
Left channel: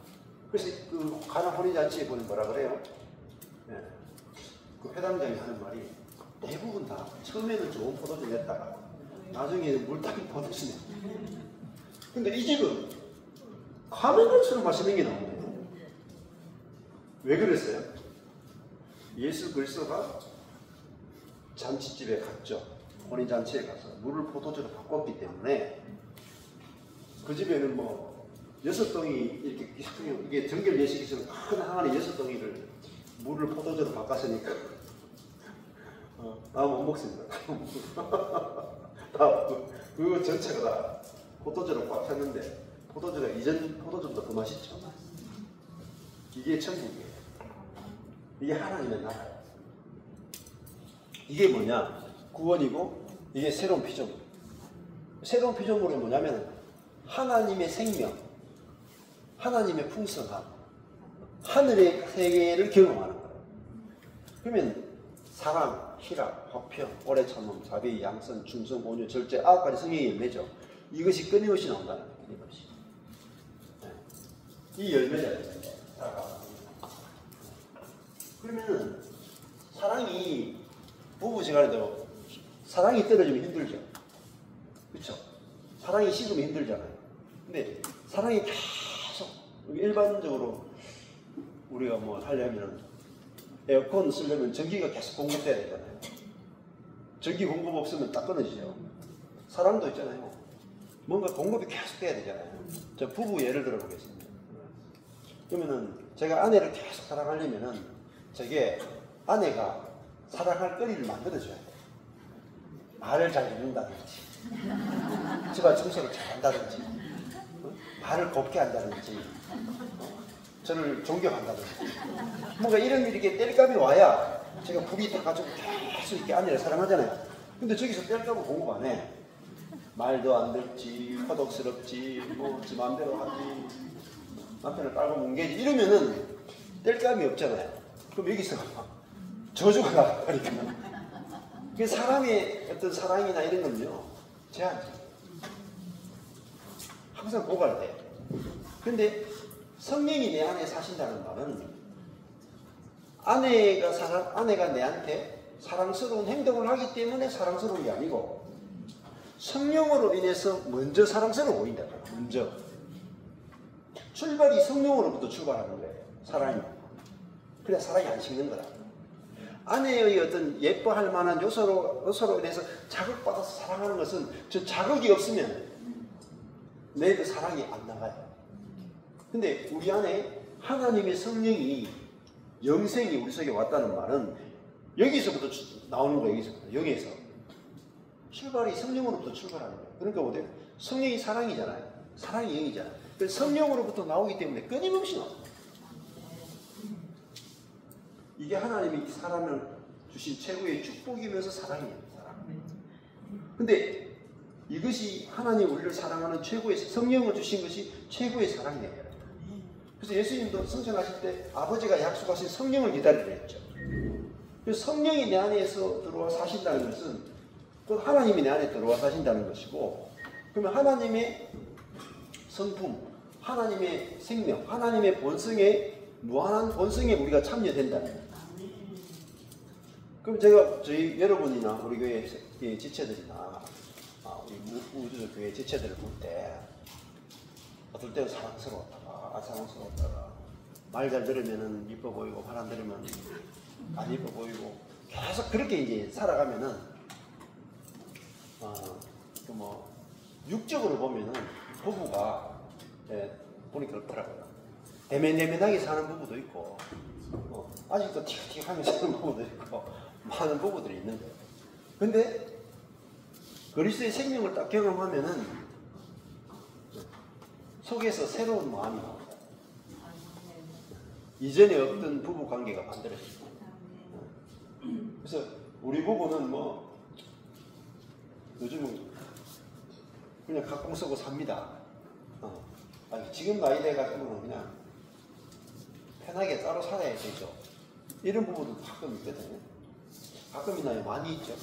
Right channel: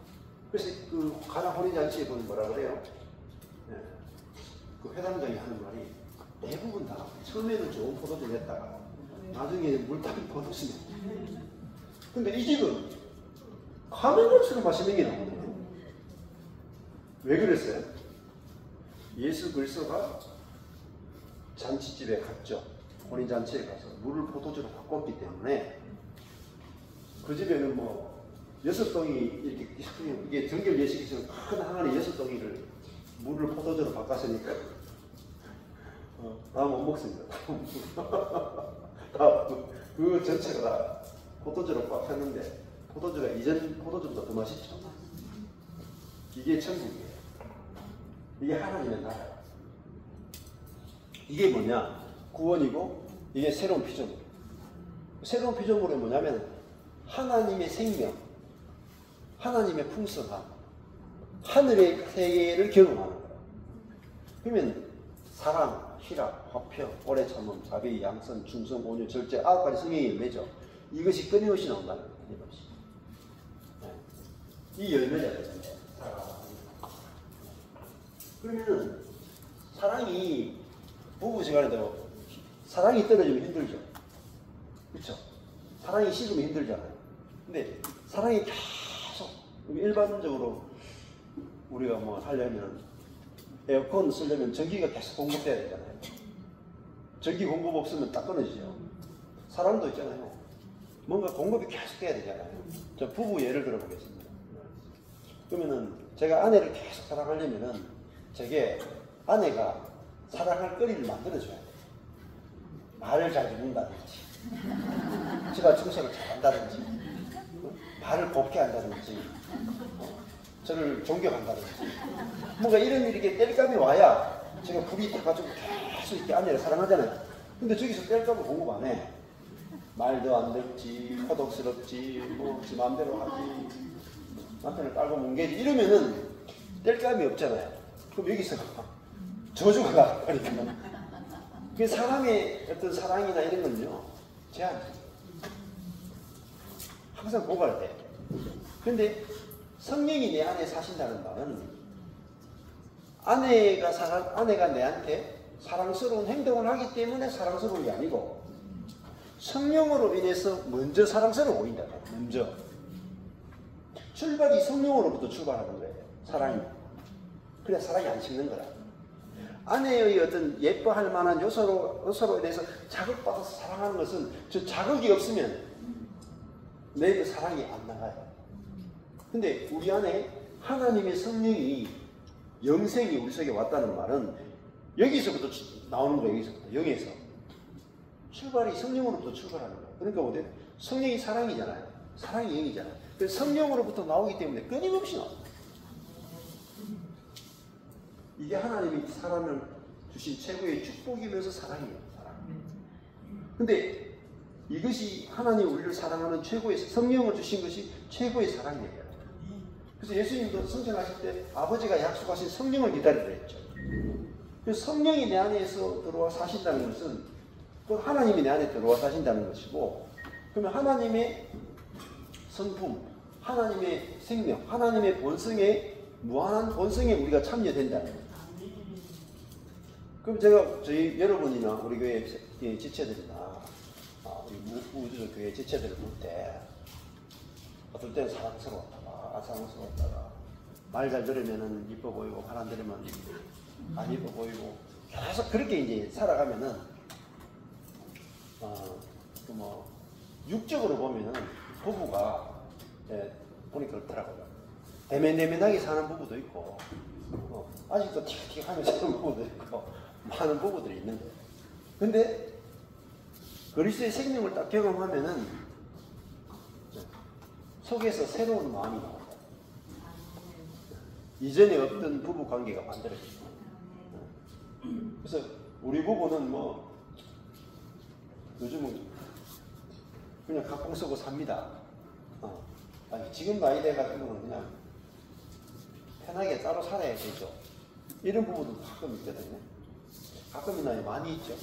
그래서 그 가나 혼인잔치에 보면 뭐라 그래요? 네. 그 회당장이 하는 말이 대부분 다 처음에는 좋은 포도주 냈다가 나중에 물담 포도주 냈다. 근데 이 집은 가면 갈수록 맛있는 게 나오거든요. 왜 그랬어요? 예수 그리스도가 잔치집에 갔죠. 혼인잔치에 가서 물을 포도주로 바꿨기 때문에 그 집에는 뭐 6동이 이렇게 이게 정결 예식에서는 큰 항아리 6동이를 물을 포도주로 바꿨으니까 나 못 먹습니다. 그 전체가 다 포도주로 바꿨는데 포도주가 이전 포도주보다 더 맛있죠. 이게 천국이에요. 이게 하나님의 나라예요. 이게 뭐냐? 구원이고 이게 새로운 피조물. 새로운 피조물이 뭐냐면 하나님의 생명, 하나님의 풍성함, 하늘의 세계를 경험하는 거예요. 그러면 사랑, 희락, 화평, 오래 참음, 자비, 양선, 충성, 온유, 절제, 9가지 성령의 열매죠. 이것이 끊임없이 나온다는 거예요. 끊임없이. 네. 이 열매잖아요. 그러면 사랑이 부부지간에도 사랑이 떨어지면 힘들죠. 그렇죠? 사랑이 식으면 힘들잖아요. 근데 사랑이 계속 일반적으로 우리가 뭐 하려면 에어컨 쓰려면 전기가 계속 공급돼야 되잖아요. 전기 공급 없으면 딱 끊어지죠. 사랑도 있잖아요. 뭔가 공급이 계속 돼야 되잖아요. 저 부부 예를 들어 보겠습니다. 그러면은 제가 아내를 계속 사랑하려면은 저게 아내가 사랑할 거리를 만들어줘야 돼요. 말을 잘 듣는다든지, 집안 청소를 잘한다든지, 말을 곱게 한다든지, 저를 존경한다든지, 뭔가 이런 일이 뗄감이 와야 제가 불이 타가지고 계속 이렇게 아내를 사랑하잖아요. 근데 저기서 뗄감을 공급 안 해. 말도 안 듣지, 허덕스럽지, 뭐 지 마음대로 하지, 남편을 깔고 뭉개지 이러면은 뗄감이 없잖아요. 그럼 여기서 저주가 나버리면 그 사람의 어떤 사랑이나 이런 건요 제한적. 항상 고갈돼. 근데 성령이 내 안에 사신다는 말은 아내가 내한테 사랑스러운 행동을 하기 때문에 사랑스러운 게 아니고 성령으로 인해서 먼저 사랑스러워 보인다. 먼저 출발이 성령으로부터 출발하는 거예요. 사랑이. 그래야 사랑이 안 식는 거라. 아내의 어떤 예뻐할 만한 요소로 인해서 자극받아서 사랑하는 것은 저 자극이 없으면 내 그 사랑이 안 나가요. 근데 우리 안에 하나님의 성령이 영생이 우리 속에 왔다는 말은 여기서부터 나오는 거예요. 여기서부터 영에서 출발이 성령으로부터 출발하는 거예요. 그러니까 어때요? 성령이 사랑이잖아요. 사랑이 영이잖아요. 성령으로부터 나오기 때문에 끊임없이 나옵니다. 이게 하나님이 사람을 주신 최고의 축복이면서 사랑이에요. 사랑. 근데 이것이 하나님이 우리를 사랑하는 최고의 성령을 주신 것이 최고의 사랑이에요. 그래서 예수님도 승천하실 때 아버지가 약속하신 성령을 기다리라 했죠. 그 성령이 내 안에서 들어와 사신다는 것은 그 하나님이 내 안에 들어와 사신다는 것이고, 그러면 하나님의 성품, 하나님의 생명, 하나님의 본성에, 무한한 본성에 우리가 참여된다는 거예요. 그럼 제가 저희 여러분이나 우리 교회 지체들이나 우리 우주적 교회 지체들을 볼 때 어떨 때는 사랑스러웠다가 사랑스러웠다가 말 잘 들으면은 이뻐 보이고 말 안 들으면 안 이뻐 보이고 계속 그렇게 이제 살아가면은 뭐 육적으로 보면은 부부가 보니 그렇더라고요. 애매하게 사는 부부도 있고 아직도 틱틱하며 사는 부부도 있고 많은 부부들이 있는 거예요. 근데 그리스도의 생명을 딱 경험하면은 속에서 새로운 마음이 나온다. 이전에 없던 부부 관계가 만들어집니다. 그래서 우리 부부는 뭐 요즘은 그냥 가끔 쓰고 삽니다. 아니, 지금 나이 돼가지고는 그냥 편하게 따로 살아야 되죠. 이런 부부도 가끔 있거든요. 가끔이나 많이 있죠.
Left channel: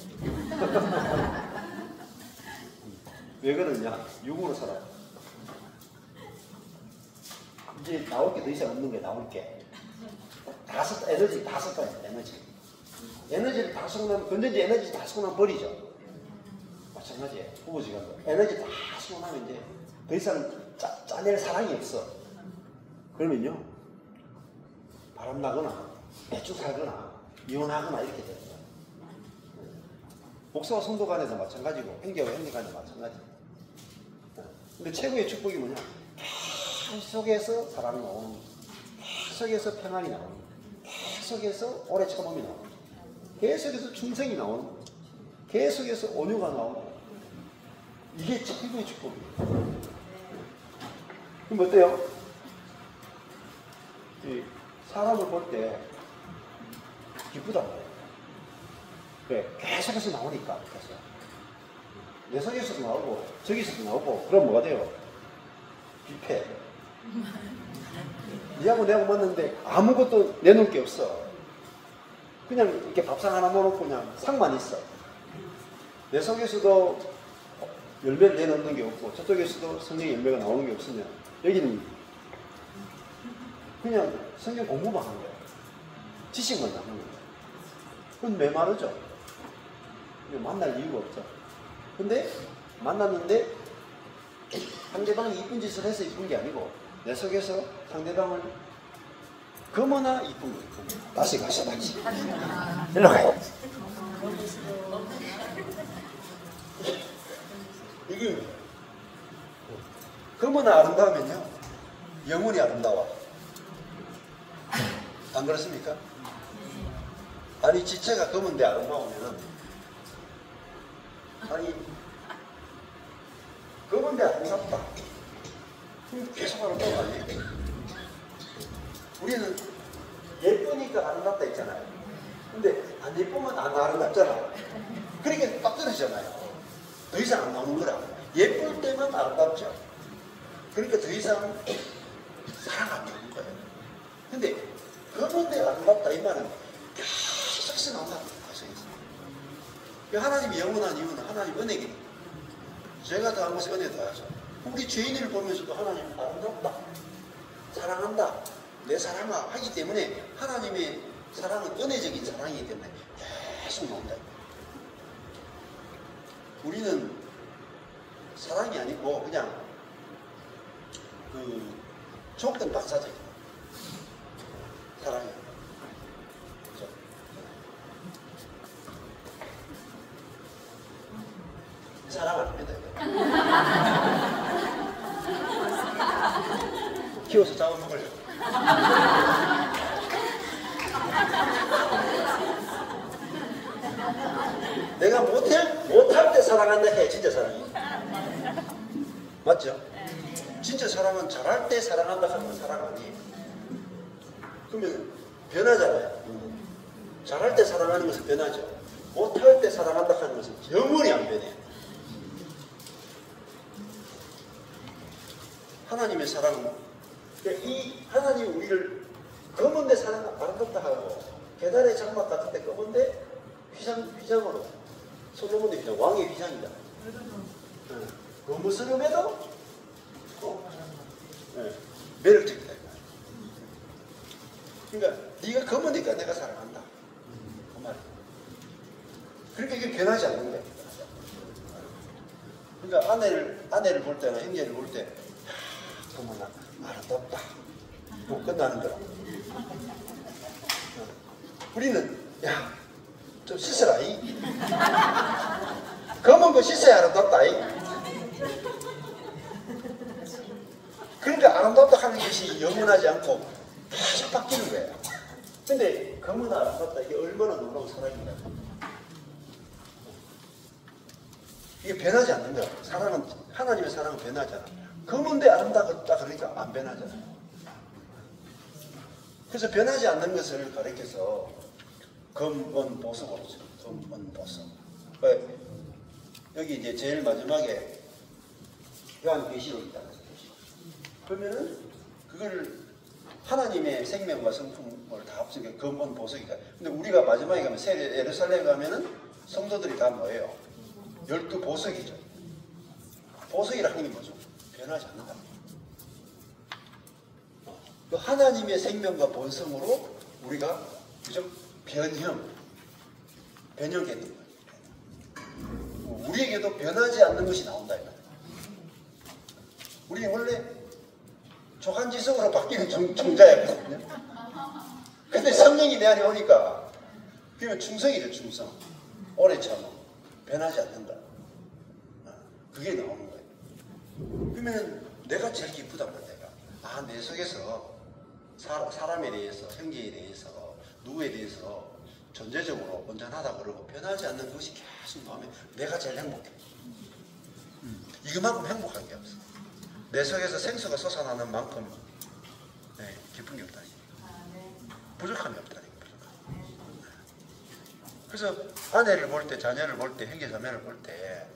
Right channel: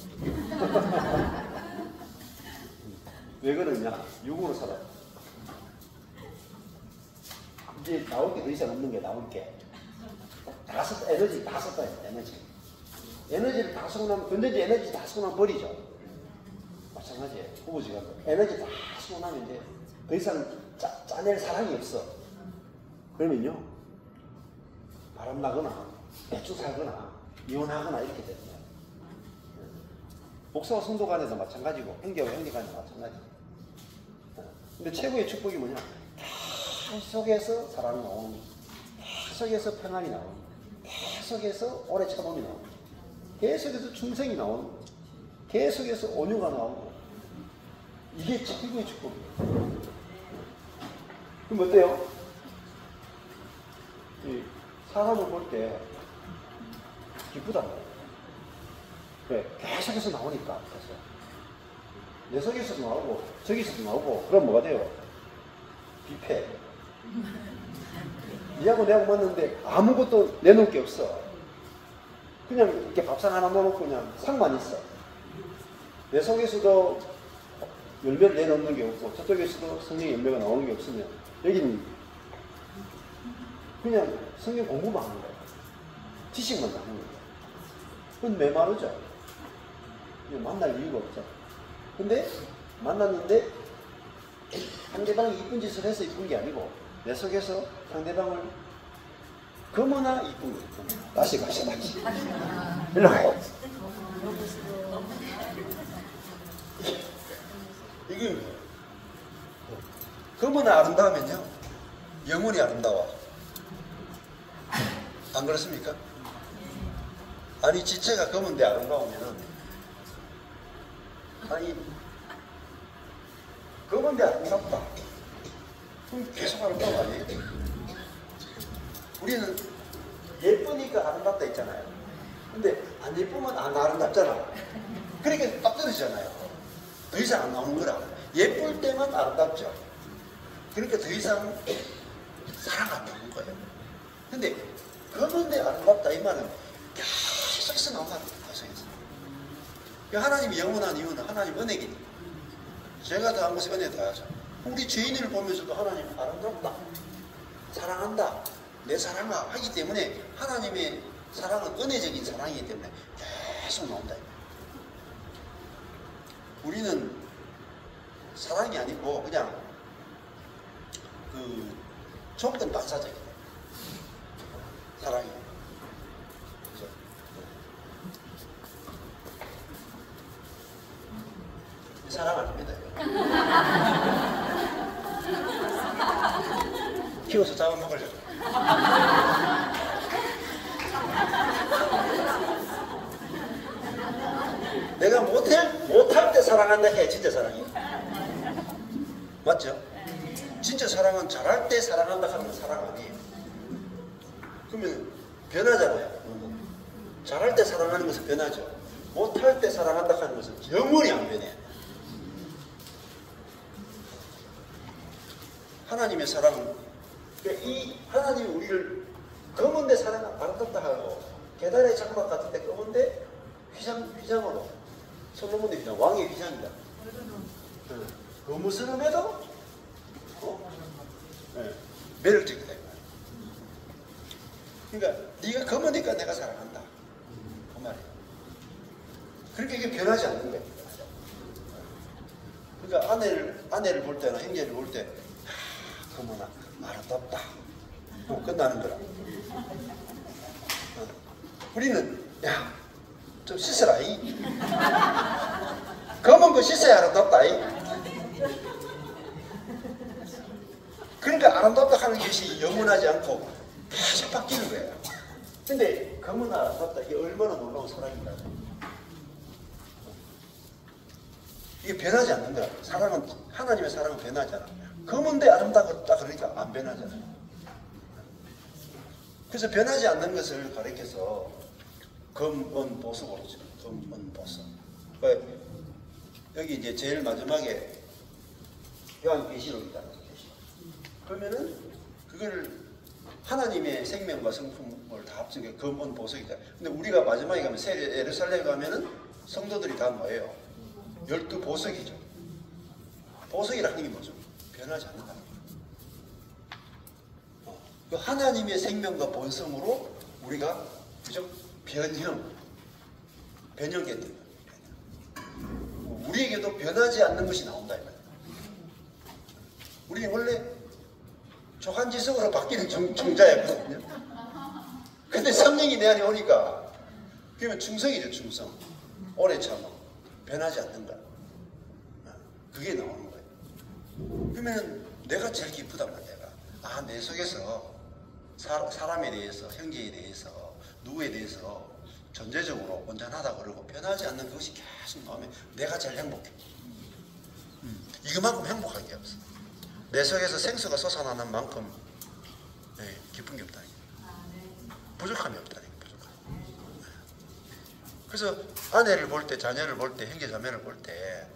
왜 그러냐? 육으로 살아요. 이제 나올 게 더 이상 없는 게 나올 게. 다 썼다, 에너지를 다 썼다, 에너지. 에너지를 다 쓰고 나면, 근데 이제 에너지 다 쓰고 나면 버리죠. 마찬가지예요. 부부지간도. 에너지 다 쓰고 나면 이제 더 이상 짜낼 사랑이 없어. 그러면요, 바람나거나, 대충 살거나, 이혼하거나 이렇게 됩니다. 목사와 성도 간에도 마찬가지고, 형제와 형제 간에도 마찬가지. 근데 최고의 축복이 뭐냐? 계속해서 사랑이 나오는, 계속해서 평안이 나오는, 계속해서 오래 참음이 나오는, 계속해서 충성이 나오는, 계속해서 온유가 나오고, 이게 최고의 축복이에요. 그럼 어때요? 이 사람을 볼 때 기쁘단 말이에요. 그래, 계속해서 나오니까. 그래서 내 속에서도 나오고 저기서도 나오고, 그럼 뭐가 돼요? 뷔페. 니하고 내가 만났는데 아무것도 내놓을 게 없어. 그냥 이렇게 밥상 하나 넣어놓고 그냥 상만 있어. 내 속에서도 열매를 내놓는 게 없고 저쪽에서도 성경의 열매가 나오는 게 없으면 여기는 그냥 성경 공부만 하는 거야. 지식만 하는 거야. 그건 메마르죠. 만날 이유가 없죠. 근데 만났는데 상대방이 이쁜 짓을 해서 이쁜 게 아니고 내 속에서 상대방을 그거나 이쁜 거 이쁜 거. 다시. 일로 가야지. 이게 그거나 아름다우면요 영혼이 아름다워. 안 그렇습니까? 아니 지체가 검은데 아름다우면은 아니 검은데 아름답다. 계속 아름다워. 우리는 예쁘니까 아름답다 했잖아요. 근데 안 예쁘면 안 아름답잖아. 그러니까 빡 떨어지잖아요. 더 이상 안 나오는 거라. 예쁠 때만 아름답죠. 그러니까 더 이상 사랑 안 나오는 거예요. 근데 검은데 아름답다 이 말은 계속해서 나온다는 거예요. 하나님이 영원한 이유는 하나님 은혜이니까. 제가 더한 것이 은혜 더하죠. 우리 죄인을 보면서도 하나님 아름답다, 사랑한다, 내 사랑아 하기 때문에 하나님의 사랑은 은혜적인 사랑이기 때문에 계속 나온다. 우리는 사랑이 아니고 그냥 그 조건 반사적인 사랑이에요. 사랑 안 합니다. 키워서 잡아먹으려고. 내가 못할 때 사랑한다 해. 진짜 사랑이에요. 맞죠? 진짜 사랑은 잘할 때 사랑한다 하면 사랑 아니에요. 그러면 변하잖아요. 잘할 때 사랑하는 것은 변하죠. 못할 때 사랑한다 하는 것은 영원히 안 변해요. 하나님의 사랑은 이 하나님이 우리를 검은데 사랑 아름답다 하고 계단의 장막 같은데 검은데 휘장으로 솔로몬의 휘장, 왕의 휘장이다. 거무스름해도 매력적이다. 그러니까 네가 검으니까 내가 사랑한다. 그 말이야. 그러니까 이게 변하지 않는 거야. 그러니까 아내를 볼 때나 형제를 볼 때 어머나 아름답다. 뭐 끝나는 거야. 우리는 야 좀 씻어라 이. 검은 거 씻어야 아름답다 이. 그러니까 아름답다 하는 것이 영원하지 않고 계속 바뀌는 거예요. 근데 검은 아름답다 이게 얼마나 놀라운 사랑이냐. 이게 변하지 않는 거야. 사랑은 하나님의 사랑은 변하잖아. 검은데 아름답다 그러니까 안 변하잖아. 그래서 변하지 않는 것을 가리켜서 검은 보석으로 써. 검은 보석. 여기 이제 제일 마지막에 요한계시록이다. 그러면은 그걸 하나님의 생명과 성품을 다 합친 게 검은 보석이다. 근데 우리가 마지막에 가면 새 예루살렘 가면은 성도들이 다 뭐예요? 12보석이죠. 보석이라는 게 뭐죠? 변하지 않는다. 하나님의 생명과 본성으로 우리가 그죠? 변형했는 거예요. 우리에게도 변하지 않는 것이 나온다. 우리 원래 조간지석으로 바뀌는 종자였거든요. 근데 성령이 내 안에 오니까 그러면 충성이죠. 충성. 오래처럼 변하지 않는다. 그게 나오는 거예요. 그러면 내가 제일 기쁘단 말이야. 내 속에서 사람에 대해서, 형제에 대해서, 누구에 대해서 전제적으로 온전하다 그러고 변하지 않는 그것이 계속 나오면 내가 제일 행복해. 이거만큼 행복한 게 없어. 내 속에서 생수가 솟아나는 만큼 기쁜 게 없다니. 부족함이 없다니. 그래서 아내를 볼 때, 자녀를 볼 때, 형제 자매를 볼 때,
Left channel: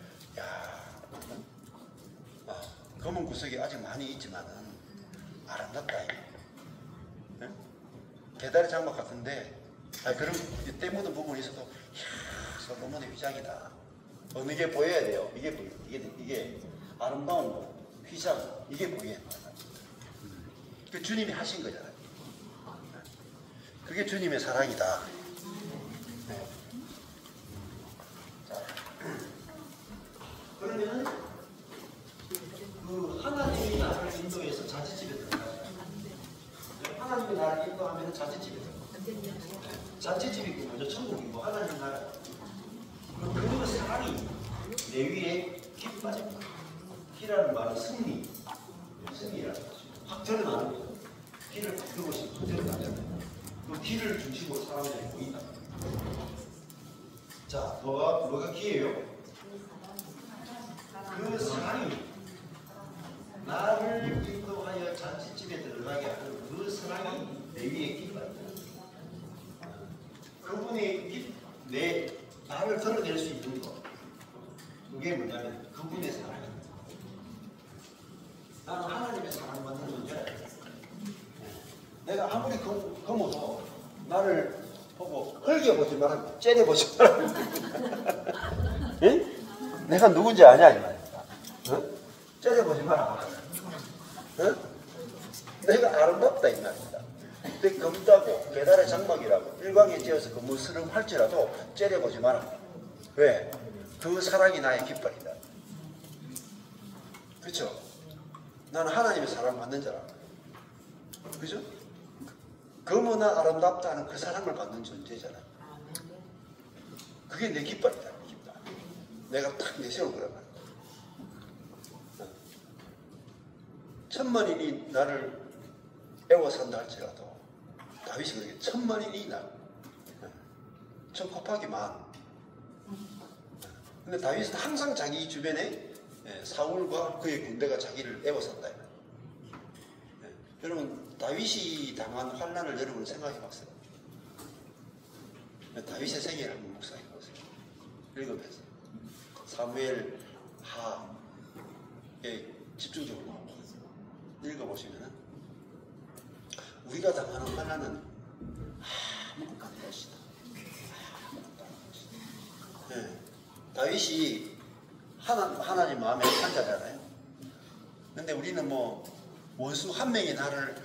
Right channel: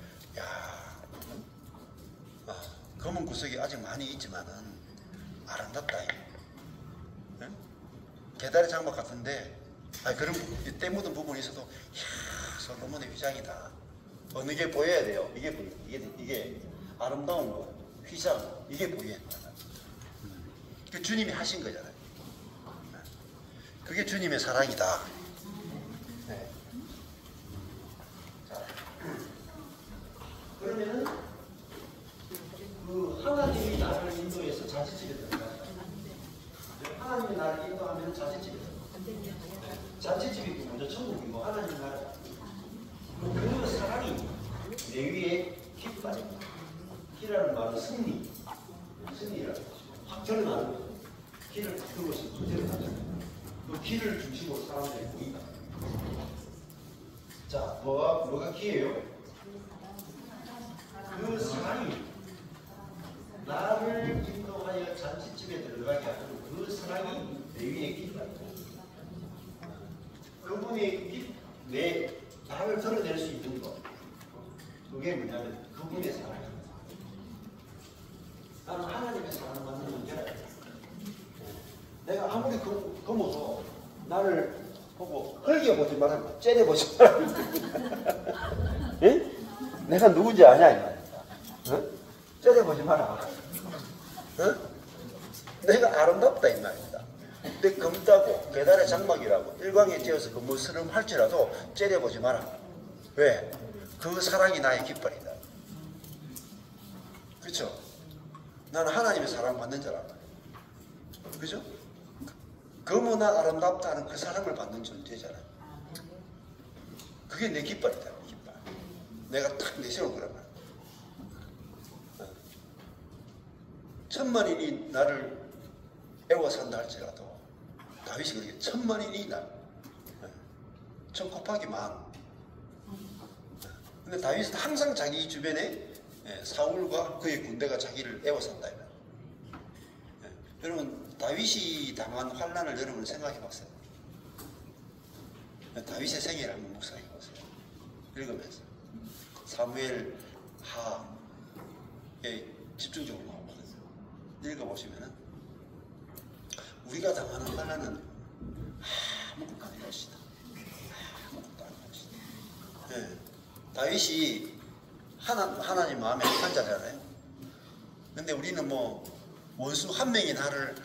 검은 구석이 아직 많이 있지만은 아름답다. 네? 계달의 장막 같은데, 그런 때 묻은 부분이 있어도, 솔로몬의 휘장이다. 어느 게 보여야 돼요? 이게 아름다운 거, 휘장, 이게 보여야 돼요. 그 주님이 하신 거잖아요. 그게 주님의 사랑이다. 그러면은 그 하나님이 나를 인도해서 자취집에 들어가죠. 하나님이 나를 인도하면 자취집에 들어가죠. 자취집이 먼저 천국이고 하나님 나라. 그 사랑이 내 위에 기뻐집니다. 기라는 말은 승리라는 거죠. 확 드러나는 거죠. 기를 그것이 확 드러나잖아요. 그 기를 중심으로 사람들이 보인다. 자, 뭐가 기예요? 그 사랑이 나를 인도하여 잔치집에 들어가게 하는 그 사랑이 내 위에 기뻐한다. 그분이 나를 드러낼 수 있는 것. 그게 뭐냐면 그분의 사랑입니다. 나는 하나님의 사랑받는 존재라. 내가 아무리 검어도 나를 보고 흘겨보지 말고 째려보지 말고. 예? 내가 누군지 아냐 이 말이야. 어? 째려보지 마라. 어? 내가 아름답다 이 말입니다. 내 검다고 계달의 장막이라고 일광에 지어서 그 무스름 할지라도 째려보지 마라. 왜? 그 사랑이 나의 깃발이다. 그렇죠? 나는 하나님의 사랑받는 자라. 그죠? 검으나 아름답다는 그 사랑을 받는 존재잖아. 그게 내 깃발이다. 깃발. 내가 딱 내세운 거란 말이야. 천만인이 나를 애워산다 할지라도 다윗이 그렇게 천만인이 나. 천 곱하기 만. 근데 다윗은 항상 자기 주변에 사울과 그의 군대가 자기를 애워산다. 여러분 다윗이 당한 환난을 여러분 생각해 봤어요. 다윗의 생애를 한번 묵상해 보세요. 읽으면서 사무엘 하에 집중적으로 읽어보시면은 우리가 당하는 환난은 아무 값도 없이 다윗이 하나님 마음에 한 자잖아요. 근데 우리는 뭐 원수 한 명이 나를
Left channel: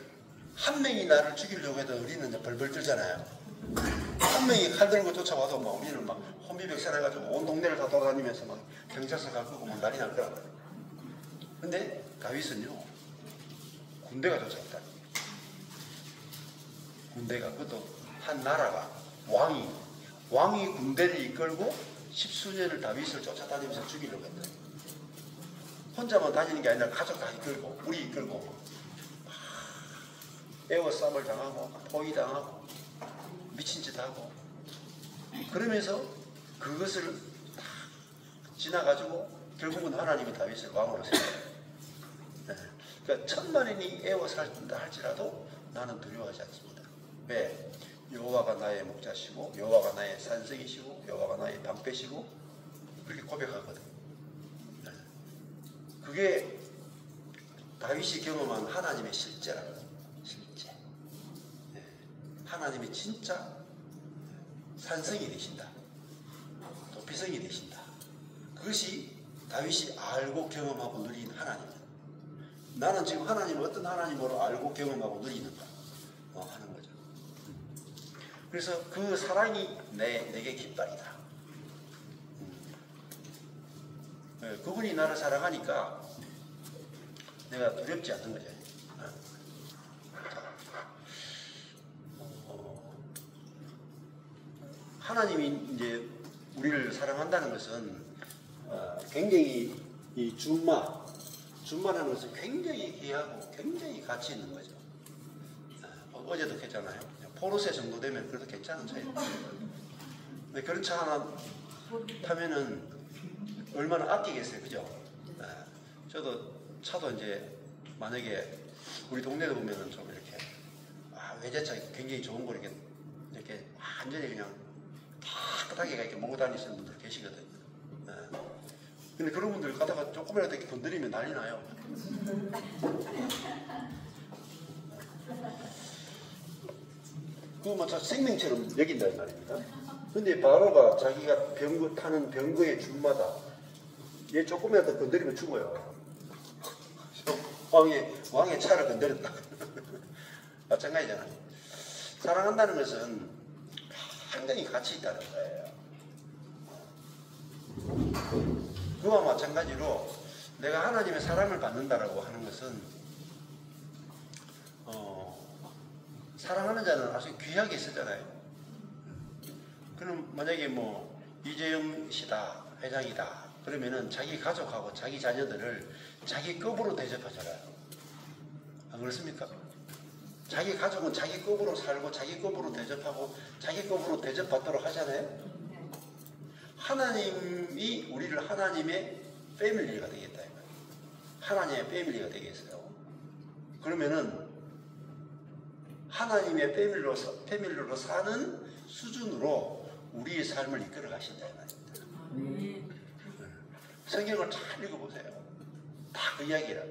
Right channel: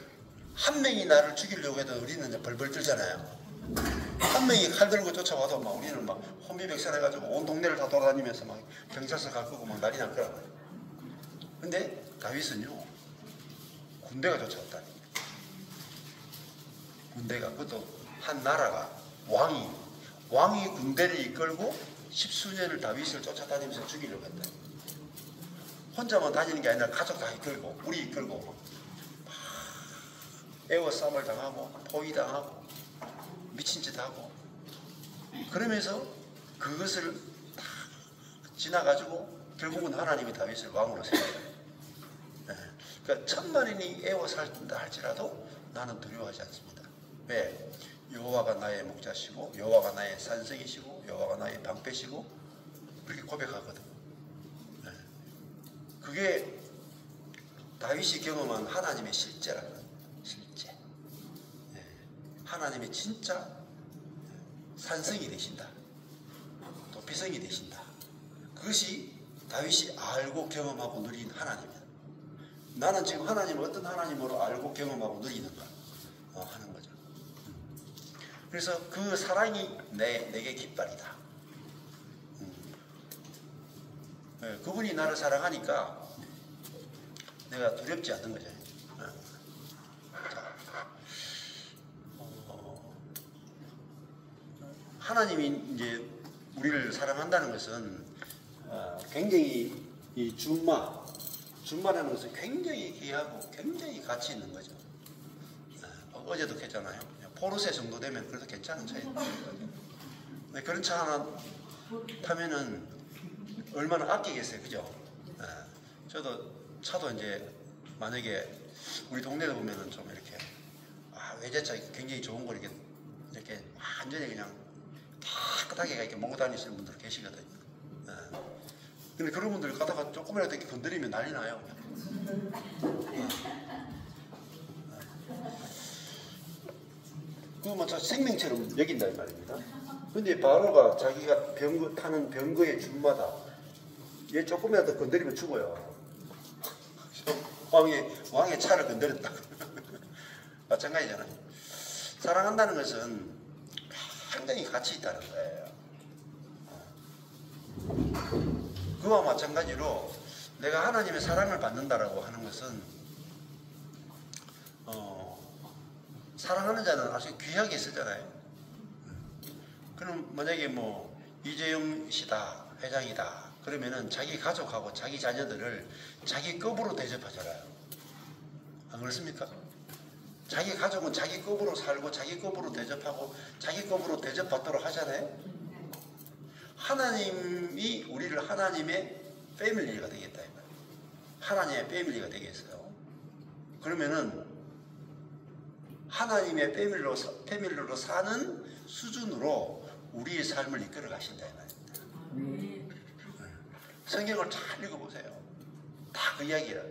죽이려고 해도 우리는 이제 벌벌 떨잖아요. 한 명이 칼 들고 쫓아와도 막 우리는 막 혼비백산해가지고 온 동네를 다 돌아다니면서 막 경찰서 갈 거고 막 난리 날 거야. 근데 다윗은요, 군대가 쫓아왔다. 군대가, 그것도 한 나라가 왕이 군대를 이끌고 십수년을 다윗을 쫓아다니면서 죽이려고 했다. 혼자만 다니는 게 아니라 가족 다 이끌고, 우리 이끌고, 에워싸움을 당하고, 포위당하고, 미친 짓 하고, 그러면서 그것을 다 지나가지고 결국은 하나님이 다윗을 왕으로 세워요. 그러니까 천만인이 애워살다 할지라도 나는 두려워하지 않습니다. 왜? 여호와가 나의 목자시고 여호와가 나의 산성이시고 여호와가 나의 방패시고 그렇게 고백하거든. 그게 다윗이 경험한 하나님의 실제라는 거예요. 실제. 하나님이 진짜 산성이 되신다. 도피성이 되신다. 그것이 다윗이 알고 경험하고 누린 하나님이다. 나는 지금 하나님을 어떤 하나님으로 알고 경험하고 누리는가 하는 거죠. 그래서 그 사랑이 내게 깃발이다. 그분이 나를 사랑하니까 내가 두렵지 않는 거죠. 하나님이 이제 우리를 사랑한다는 것은 굉장히 이 준마라는 것은 굉장히 귀하고 굉장히 가치 있는 거죠. 어제도 했잖아요. 포르쉐 정도 되면 그래도 괜찮은 차예요. 근데 그런 차 하나 타면은 얼마나 아끼겠어요, 그죠? 저도 차도 이제 만약에 우리 동네에 보면은 좀 이렇게 외제차 굉장히 좋은 거 이렇게 완전히 그냥 깨끗하게 이렇게 몰고 다니시는 분들 계시거든요. 근데 그런 분들 가다가 조금이라도 이렇게 건드리면 난리 나요. 그거 뭐 생명처럼 여긴다는 말입니다. 근데 바로가 자기가 타는 병거의 준마다 얘 조금이라도 건드리면 죽어요. 왕의 차를 건드렸다. 마찬가지잖아요. 사랑한다는 것은 상당히 가치 있다는 거예요. 그와 마찬가지로 내가 하나님의 사랑을 받는다라고 하는 것은 사랑하는 자는 아주 귀하게 쓰잖아요. 그럼 만약에 뭐 이재용 씨다, 회장이다 그러면은 자기 가족하고 자기 자녀들을 자기 급으로 대접하잖아요. 안 그렇습니까? 자기 가족은 자기 급으로 살고 자기 급으로 대접하고 자기 급으로 대접받도록 하잖아요. 하나님이 우리를 하나님의 패밀리가 되겠다. 하나님의 패밀리가 되겠어요. 그러면은 하나님의 패밀리로 사는 수준으로 우리의 삶을 이끌어 가신다. 성경을 잘 읽어보세요. 다 그 이야기라.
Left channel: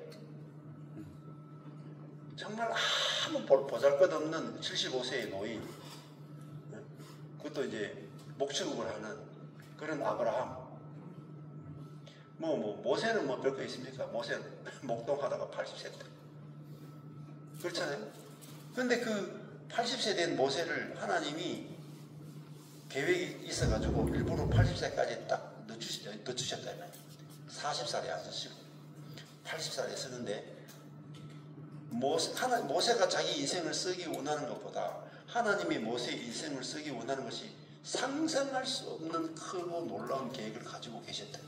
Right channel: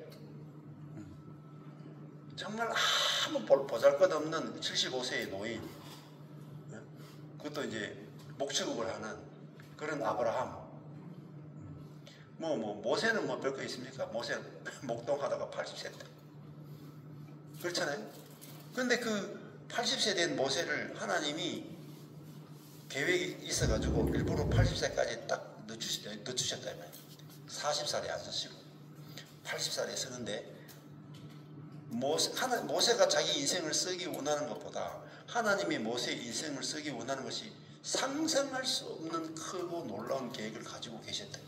정말 아무 보잘것없는 75세의 노인, 그것도 이제 목축업을 하는 그런 아브라함. 모세는 뭐 별거 있습니까? 모세 목동하다가 80세 때. 그렇잖아요? 근데 그 80세 된 모세를 하나님이 계획이 있어가지고 일부러 80세까지 딱 늦추셨다. 40살에 안 쓰시고 80살에 쓰는데 모세가 자기 인생을 쓰기 원하는 것보다 하나님이 모세의 인생을 쓰기 원하는 것이 상상할 수 없는 크고 놀라운 계획을 가지고 계셨다.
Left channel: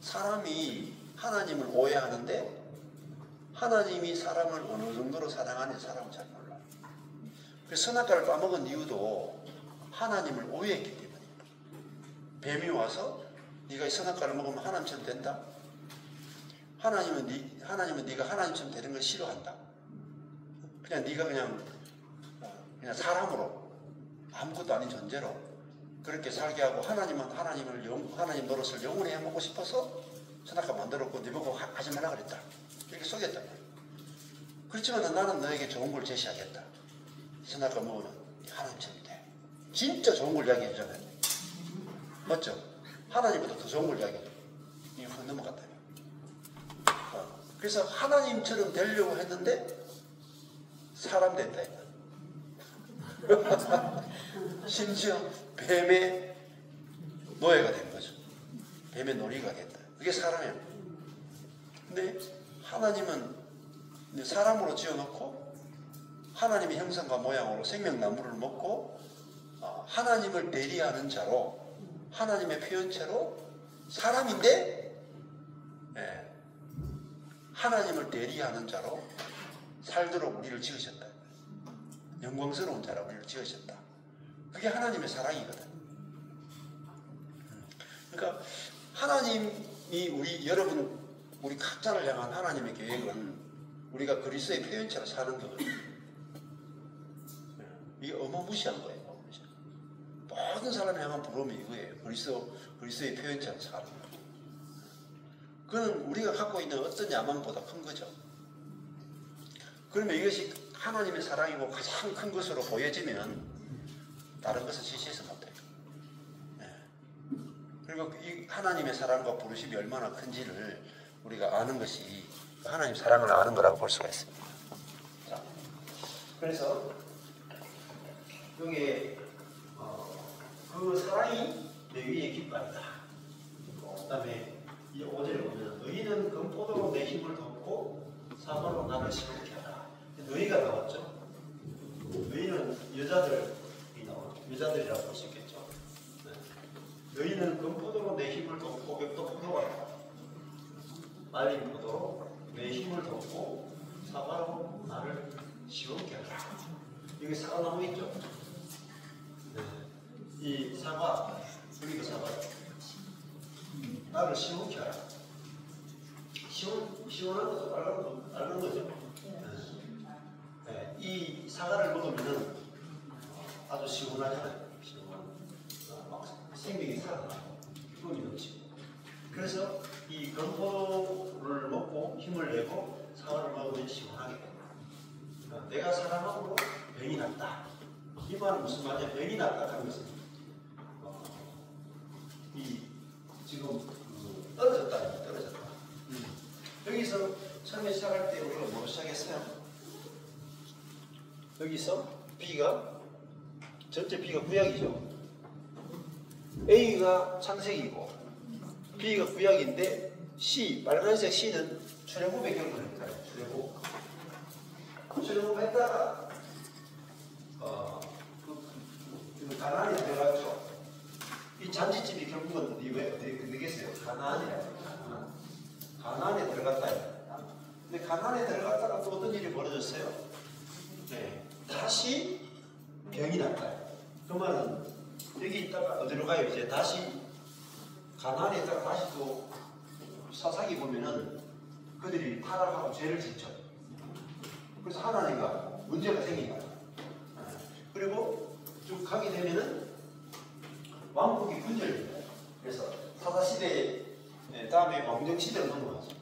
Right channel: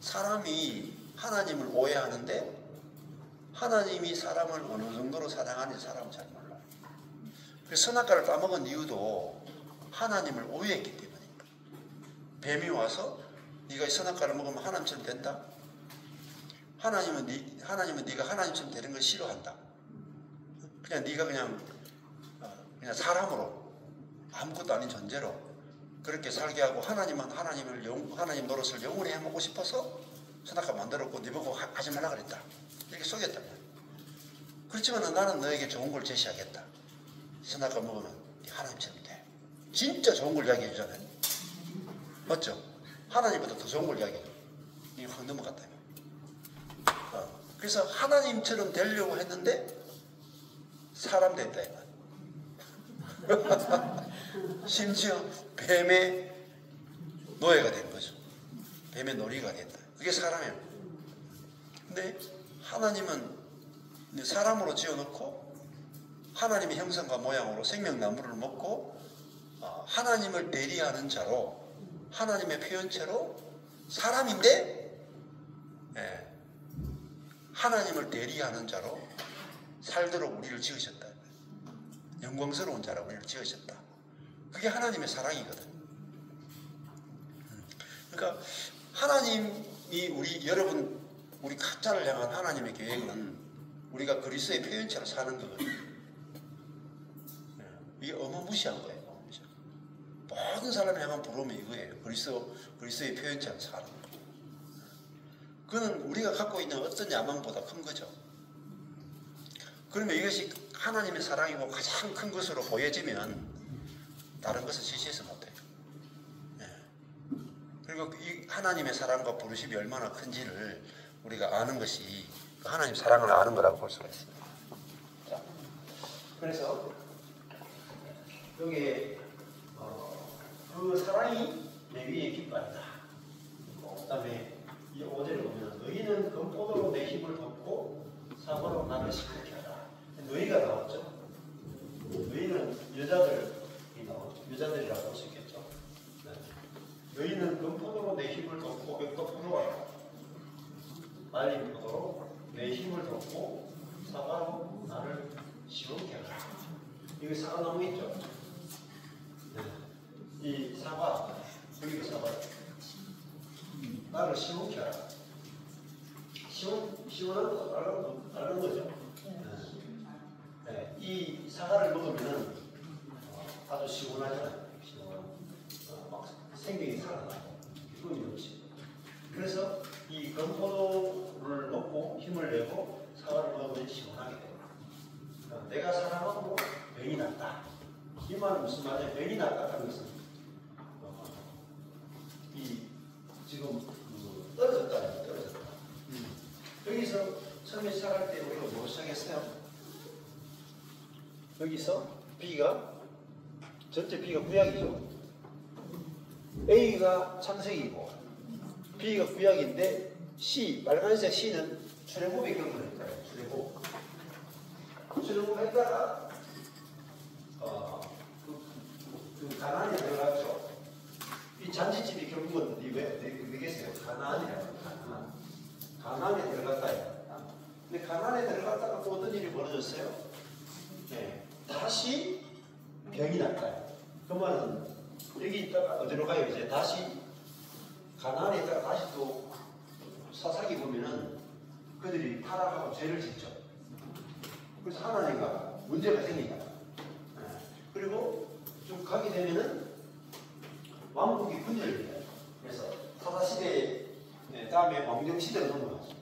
사람이 하나님을 오해하는데 하나님이 사람을 어느 정도로 사랑하는지 사람은 잘 몰라. 그래서 선악과를 따먹은 이유도 하나님을 오해했기 때문입니다. 뱀이 와서 네가 이 선악과를 먹으면 하나님처럼 된다? 하나님은 네가 하나님처럼 되는 걸 싫어한다. 그냥 네가 그냥 사람으로 아무것도 아닌 존재로 그렇게 살게 하고 하나님 노릇을 영원히 해먹고 싶어서 선악과 만들었고 네 보고 하지 말라 그랬다. 이렇게 속였다. 그렇지만 나는 너에게 좋은 걸 제시하겠다. 선악과 먹으면 하나님처럼 돼. 진짜 좋은 걸 이야기해 주잖아요. 맞죠? 하나님보다 더 좋은 걸 이야기해요. 이거 훅 넘어갔다. 그래서 하나님처럼 되려고 했는데 사람 됐다. 심지어 뱀의 노예가 된 거죠. 뱀의 놀이가 됐다. 그게 사람이에요. 근데 하나님은 사람으로 지어놓고 하나님의 형상과 모양으로 생명나무를 먹고 하나님을 대리하는 자로 하나님의 표현체로 사람인데 하나님을 대리하는 자로 살도록 우리를 지으셨다. 영광스러운 자로 우리를 지으셨다. 그게 하나님의 사랑이거든. 그러니까 하나님이 우리 각자를 향한 하나님의 계획은 우리가 그리스도의 표현체로 사는 거거든. 이게 어마무시한 거예요. 모든 사람을 향한 부름이 이거예요. 그리스도의 표현체로 사는 거예요. 그거는 우리가 갖고 있는 어떤 야망보다 큰 거죠. 그러면 이것이 하나님의 사랑이고 가장 큰 것으로 보여지면 다른 것을 제시해서 못해요. 그리고 이 하나님의 사랑과 부르심이 얼마나 큰지를 우리가 아는 것이 하나님의 사랑을 아는 거라고 볼 수가 있습니다. 자, 그래서 여기에 그 사랑이 내 위에 깃발이다. 그 다음에 이 5절에 보면 너희는 금포도로 내 힘을 덮고 사고로 나를 시끄럽게 하라. 너희가 나왔죠. 너희는 여자들이라고 볼 수 있겠죠. 네. 너희는 금포도로 내 힘을 덮고 여기도 포도가 말린 포도로 내 힘을 덮고 사과로 나를 시끄럽게 하라. 이게 사과나무 있죠. 네. 이 사과, 여기가 사과예요. 나를 시원케 하라. 시원한 거 알는 거죠. 네. 이 사과를 먹으면 아주 시원하잖아요. 생명이 살아나고 기분이 넘치고. 그래서 이 건포도를 먹고 힘을 내고 사과를 먹으면 시원하게 됩니다. 내가 사랑하고 병이 났다. 이 말은 무슨 말이냐? 병이 났다 하는 것은 지금 떨어졌다. 여기서 처음에 시작할 때 우리가 뭐 시작했어요? 여기서 B가 전체 B가 구약이죠. A가 창세기이고 B가 구약인데 C, 빨간색 C는 출애굽의 경우입니다. 출애굽했다가 가나안에 들어갔죠. 이 잔치집이 결국은 왜 되겠어요? 가나안에 들어갔다. 근데 가나안에 들어갔다가 또 어떤 일이 벌어졌어요? 네. 다시 병이 났다. 그 말은 여기 있다가 어디로 가요? 이제 다시 가나안에 있다가 다시 또 사사기 보면은 그들이 타락하고 죄를 짓죠. 그래서 하나님과 문제가 생긴다. 그리고 좀 가게 되면은 왕국이 분열돼요. 그래서 사사시대 다음에 왕정시대로 넘어가죠.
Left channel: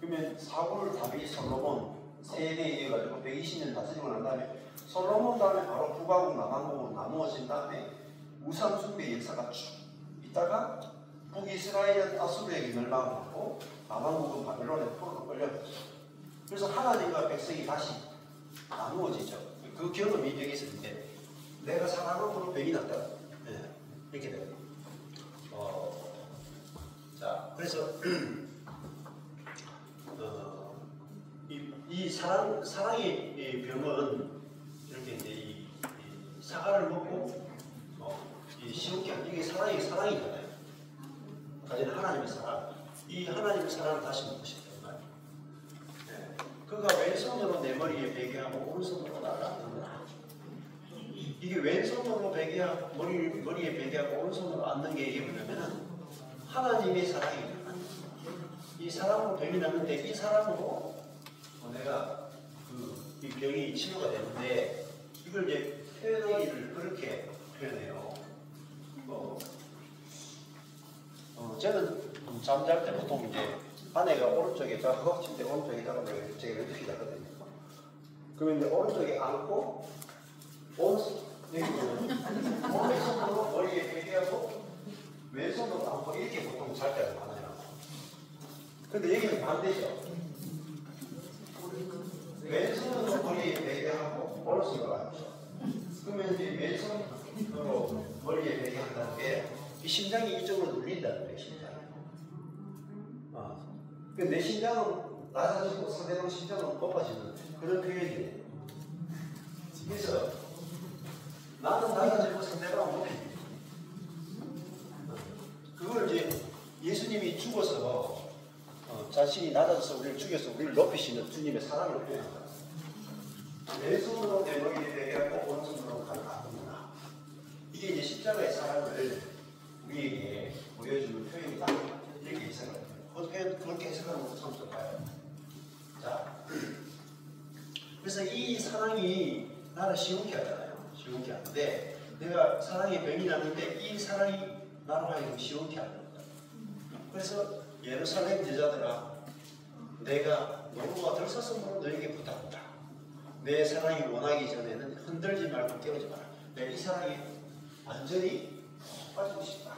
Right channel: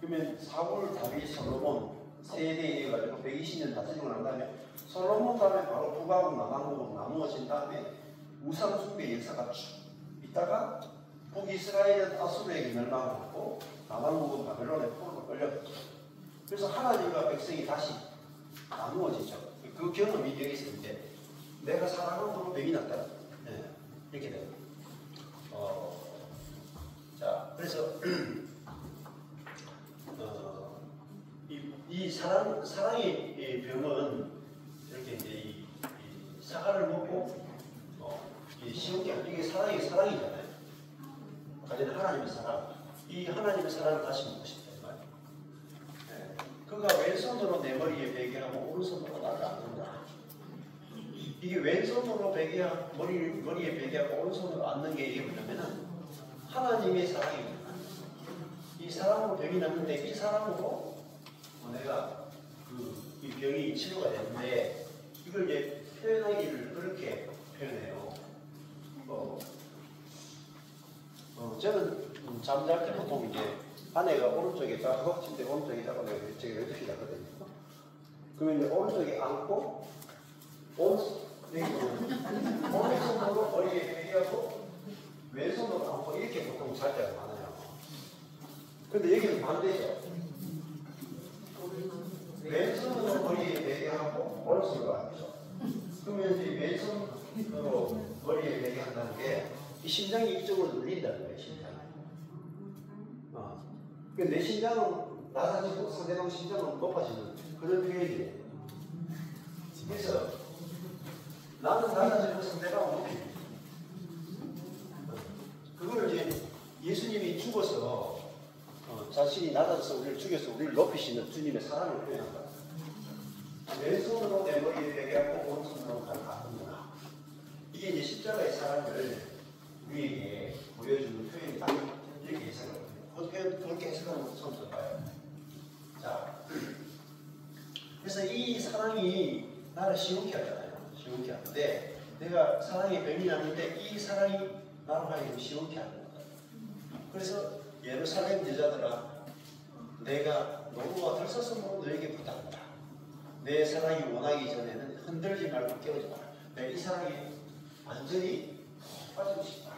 그러면 사울, 다윗, 솔로몬 세대에 이어가지고 120년 다스리고 난 다음에 솔로몬 다음에 바로 북왕국, 남왕국으로 나누어진 다음에 우상 숭배 역사가 쭉 있다가 북이스라엘은 아수르에게 멸망하고 남왕국은 바벨론의 포로로 끌려갔죠. 그래서 하나님과 백성이 다시 나누어지죠. 그 경험이 여기서 있는데 내가 사랑으로 병이 났다. 네, 이렇게 돼요. 자, 그래서 이 사랑의 병은 이렇게 이제 이 사과를 먹고 이 시험게 이게 사랑이잖아요. 가진 하나님의 사랑. 이 하나님의 사랑을 다시 먹고 싶다. 네. 그가 왼손으로 내 머리에 베게 하고 오른손으로 나를 안는 거야. 이게 왼손으로 머리에 베게 하고 오른손으로 안는 게 이게 뭐냐면은 하나님의 사랑입니다. 이 사랑으로 병이 났는데 이 사랑으로 내가 이 병이 치료가 되는데 이걸 이제 표현하기를 그렇게 표현해요. 저는 잠잘 때 보통 이제 아내가 오른쪽에 자고 허벅지인데 오른쪽에 자고 내가 제가 왼쪽에 자거든요. 그러면 이제 오른쪽에 안고 오른손으로 머리에 베개하고 왼손으로 안고 이렇게 보통 잘 때가 많아요. 근데 여기는 반대죠. 왼손으로 머리에 베게 하고 오른손으로 앉죠. 그러면 이제 왼손으로 머리에 베게 한다는 게 이 심장이 이쪽으로 눌린다는 거예요. 심장이. 내 심장은 낮아지고 상대방 심장은 높아지는 그런 표현이에요. 그래서 나는 낮아지고 상대방은 높입니다. 그걸 이제 예수님이 죽어서 자신이 낮아져서 우리를 죽여서 우리를 높이시는 주님의 사랑을 표현한다. 왼손으로 내 머리에 베게 하고 오른손으로 가는 아픔이나 이게 이제 십자가의 사랑을 우리에게 보여주는 표현이다. 이렇게 해석을 합니다. 그렇게 해석하는 것도 참 좋아요. 자, 그래서 이 사랑이 나를 시원케 하잖아요. 시원케 하는데 내가 사랑의 병이 나는데 이 사랑이 나로 하여금 시원케 하는 거다. 그래서 예루살렘 여자들아 내가 노루와 들사슴으로 너에게 부탁한다. 내 사랑이 원하기 전에는 흔들지 말고 깨우지 마라. 내가 이 사랑이 완전히 빠지고 싶다.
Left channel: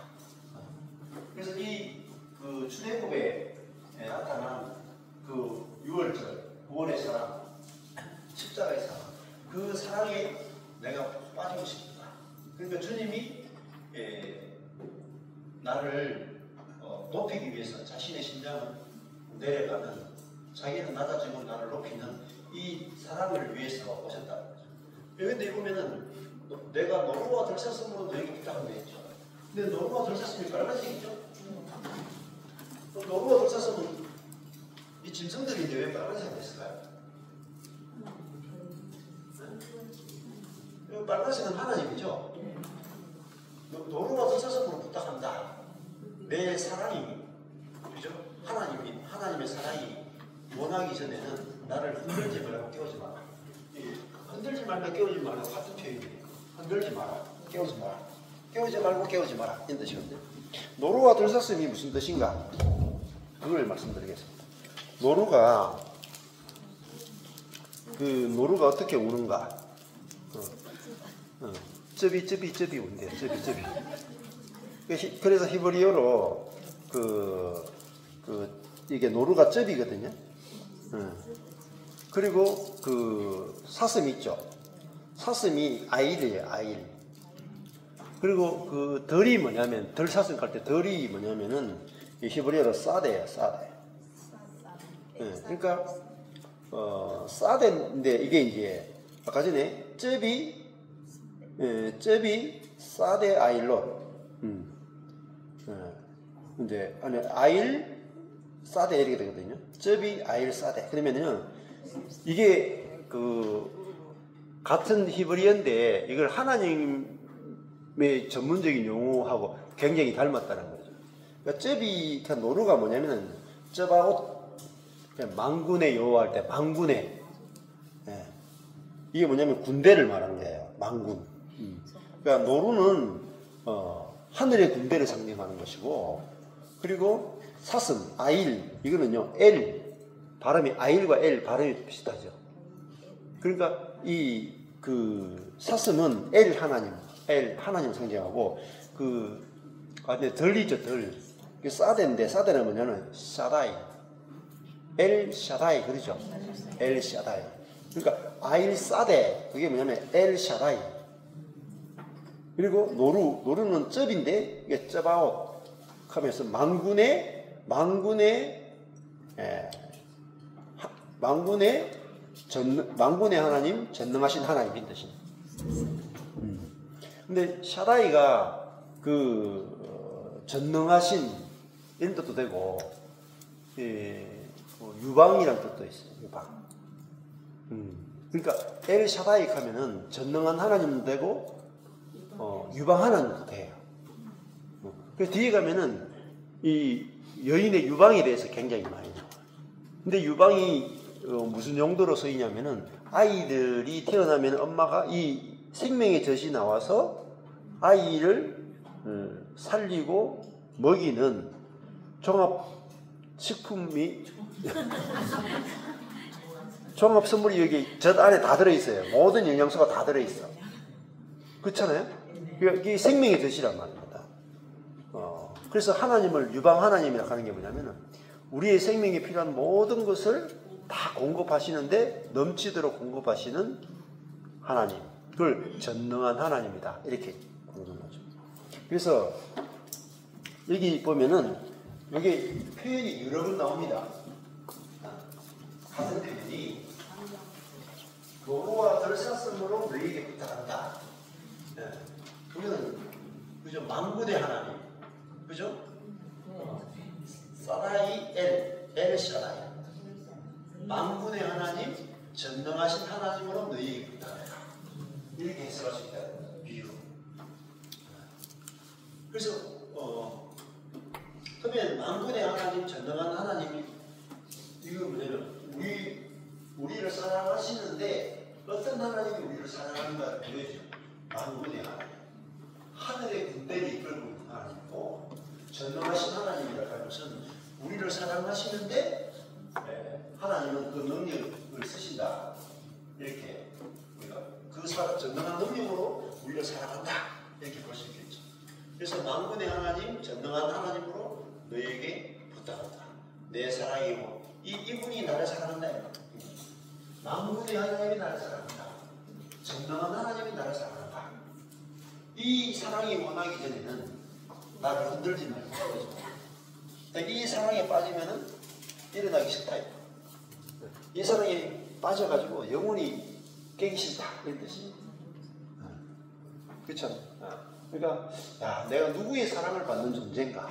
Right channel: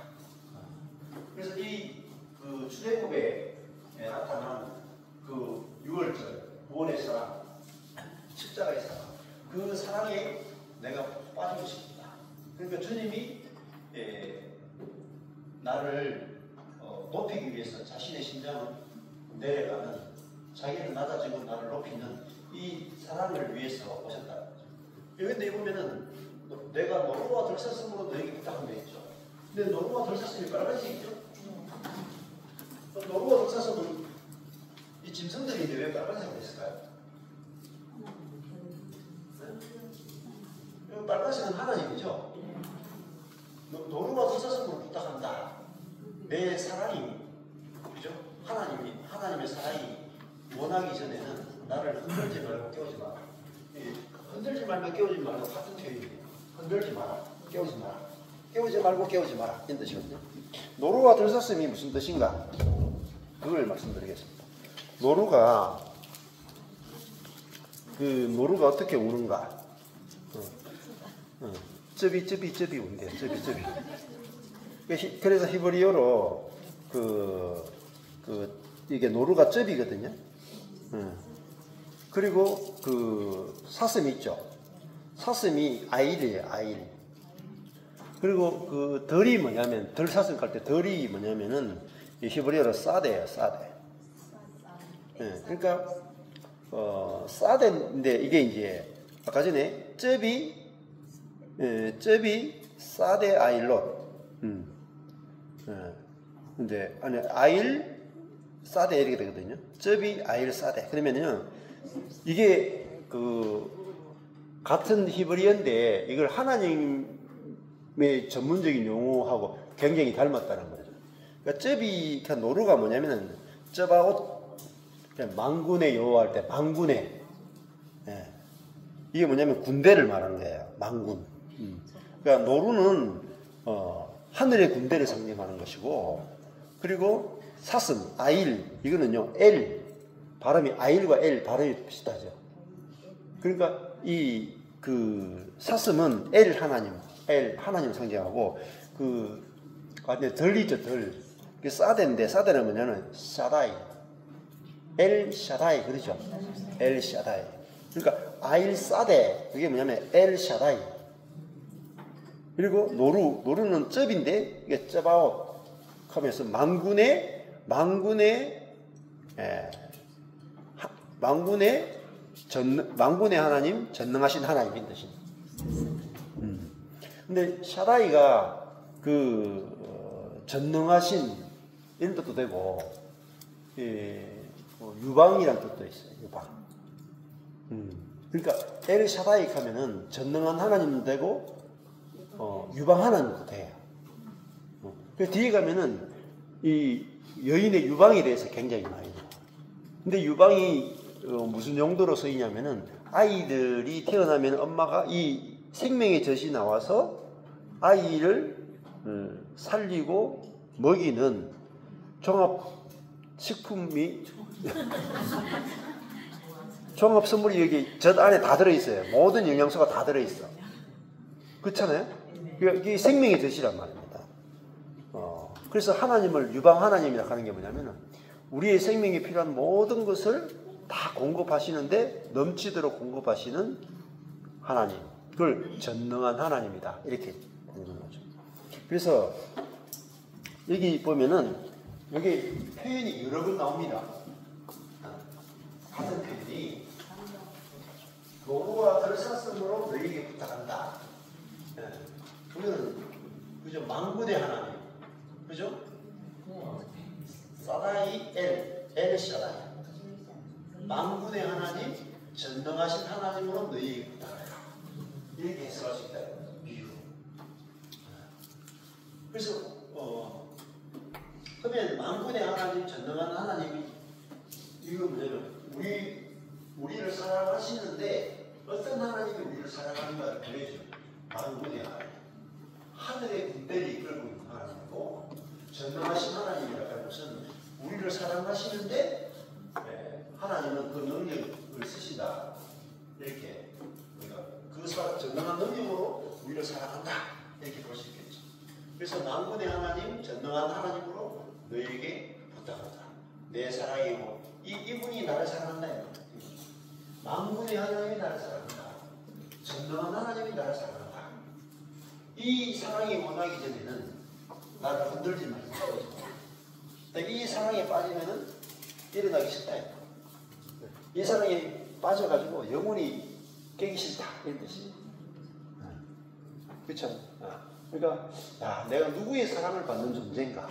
그래서 이 출애굽에 나타난 그 6월절, 9월의 사랑, 십자가의 사랑, 그 사랑에 내가 빠지고 싶다. 그러니까 주님이 나를 높이기 위해서 자신의 심장을 내려가는, 자기는 낮아지고 나를 높이는 이 사랑을 위해서 오셨다. 그런데 보면은 내가 노루와 들사슴으로 너에게 부탁한 게 있죠. 근데 노루와 들사슴이 빨간색이죠. 노루와 들사슴은 이 짐승들인데 왜 빨간색이 됐을까요? 네? 빨간색은 하나님이죠. 노루와 들사슴으로 부탁한다. 내 사랑이, 그죠? 하나님의 사랑이 원하기 전에는 나를 흔들지 말고 깨우지 마라. 흔들지 말고 깨우지 말고 같은 표현이에요. 흔들지 마라, 깨우지 마라. 깨우지 말고 깨우지 마라. 이 뜻이거든요. 노루와 들사슴이 무슨 뜻인가? 그걸 말씀드리겠습니다. 노루가 어떻게 우는가? 쩌비 운대요. 쩌비. 그래서 히브리어로 이게 노루가 쩌비거든요. 그리고 사슴 있죠. 사슴이 아일이에요. 아일. 그리고 덜이 뭐냐면, 덜사슴 깔 때 덜이 뭐냐면은 히브리어로 사데예요. 사데. 그러니까 사데인데 이게 이제 아까 전에 쩌비 사데 아일로. 근데 아니 아일 사데 이렇게 되거든요. 쩌비 아일 사데. 그러면은 이게 같은 히브리어인데 이걸 하나님의 전문적인 용어하고 굉장히 닮았다는 거죠. 그러니까 쩌비 노루가 뭐냐면은 쩌바옷 망군의 여호할 때 망군의 이게 뭐냐면 군대를 말하는 거예요. 망군. 그러니까 노루는 하늘의 군대를 상징하는 것이고, 그리고 사슴 아일 이거는요 엘 발음이 아일과 엘 발음이 비슷하죠. 그러니까 이 사슴은 엘 하나님 상징하고 덜이죠 덜. 사데인데 사데는 뭐냐면 샤다이 엘 샤다이 그러죠. 엘 샤다이. 그러니까 아일 사데 그게 뭐냐면 엘 샤다이. 그리고 노루는 쩝인데 이게 쩌바옷 하면서 망군의 하나님, 전능하신 하나님인 뜻입니다. 근데 샤다이가 전능하신 이런 뜻도 되고, 유방이란 뜻도 있어요. 유방. 그러니까 엘 샤다이 하면은 전능한 하나님도 되고, 유방 하나님도 돼요. 그 뒤에 가면은 이 여인의 유방에 대해서 굉장히 많이 나와요. 근데 유방이 무슨 용도로 쓰이냐면은 아이들이 태어나면 엄마가 이 생명의 젖이 나와서 아이를 살리고 먹이는 종합식품이 종합선물이 여기 젖 안에 다 들어있어요. 모든 영양소가 다 들어있어. 그렇잖아요? 이게 생명의 젖이란 말입니다. 그래서 하나님을 유방 하나님이라고 하는 게 뭐냐면은 우리의 생명에 필요한 모든 것을 다 공급하시는데 넘치도록 공급하시는 하나님. 그걸 전능한 하나님이다. 이렇게 보는 거죠. 그래서 여기 보면은 여기 표현이 여러 번 나옵니다. 같은 표현이 노루와 들사슴으로 너희에게 부탁한다. 이거는 그죠? 만군의 하나님, 그죠? 사라이 엘 샤라이, 만군의 하나님, 전능하신 하나님으로 너희에게 부탁하라. 이렇게 해석할 수 있다. 비유. 그래서 그러면 만군의 하나님, 전능한 하나님이 이거 뭐냐면 우리를 사랑하시는데 어떤 하나님이 우리를 사랑하는가를 보여줘요. 만군의 하나님, 하늘의 군대를 이끌고 있는 하나님이고 전능하신 하나님이라고 하는 것은 우리를 사랑하시는데 하나님은 그 능력을 쓰신다. 이렇게 그 전능한 능력으로 우리를 사랑한다. 이렇게 볼 수 있겠죠. 그래서 만군의 하나님, 전능한 하나님으로 너에게 부탁한다. 내 사랑이고 이분이 나를 사랑한다. 만군의 하나님이 나를 사랑한다. 전능한 하나님이 나를 사랑한다. 이 사랑이 원하기 전에는 나를 흔들지 말고 이 사랑에 빠지면은 일어나기 싫다. 이 사랑에 빠져가지고 영혼이 깨기 싫다. 이런 뜻이. 그렇죠? 그러니까 내가 누구의 사랑을 받는 존재인가?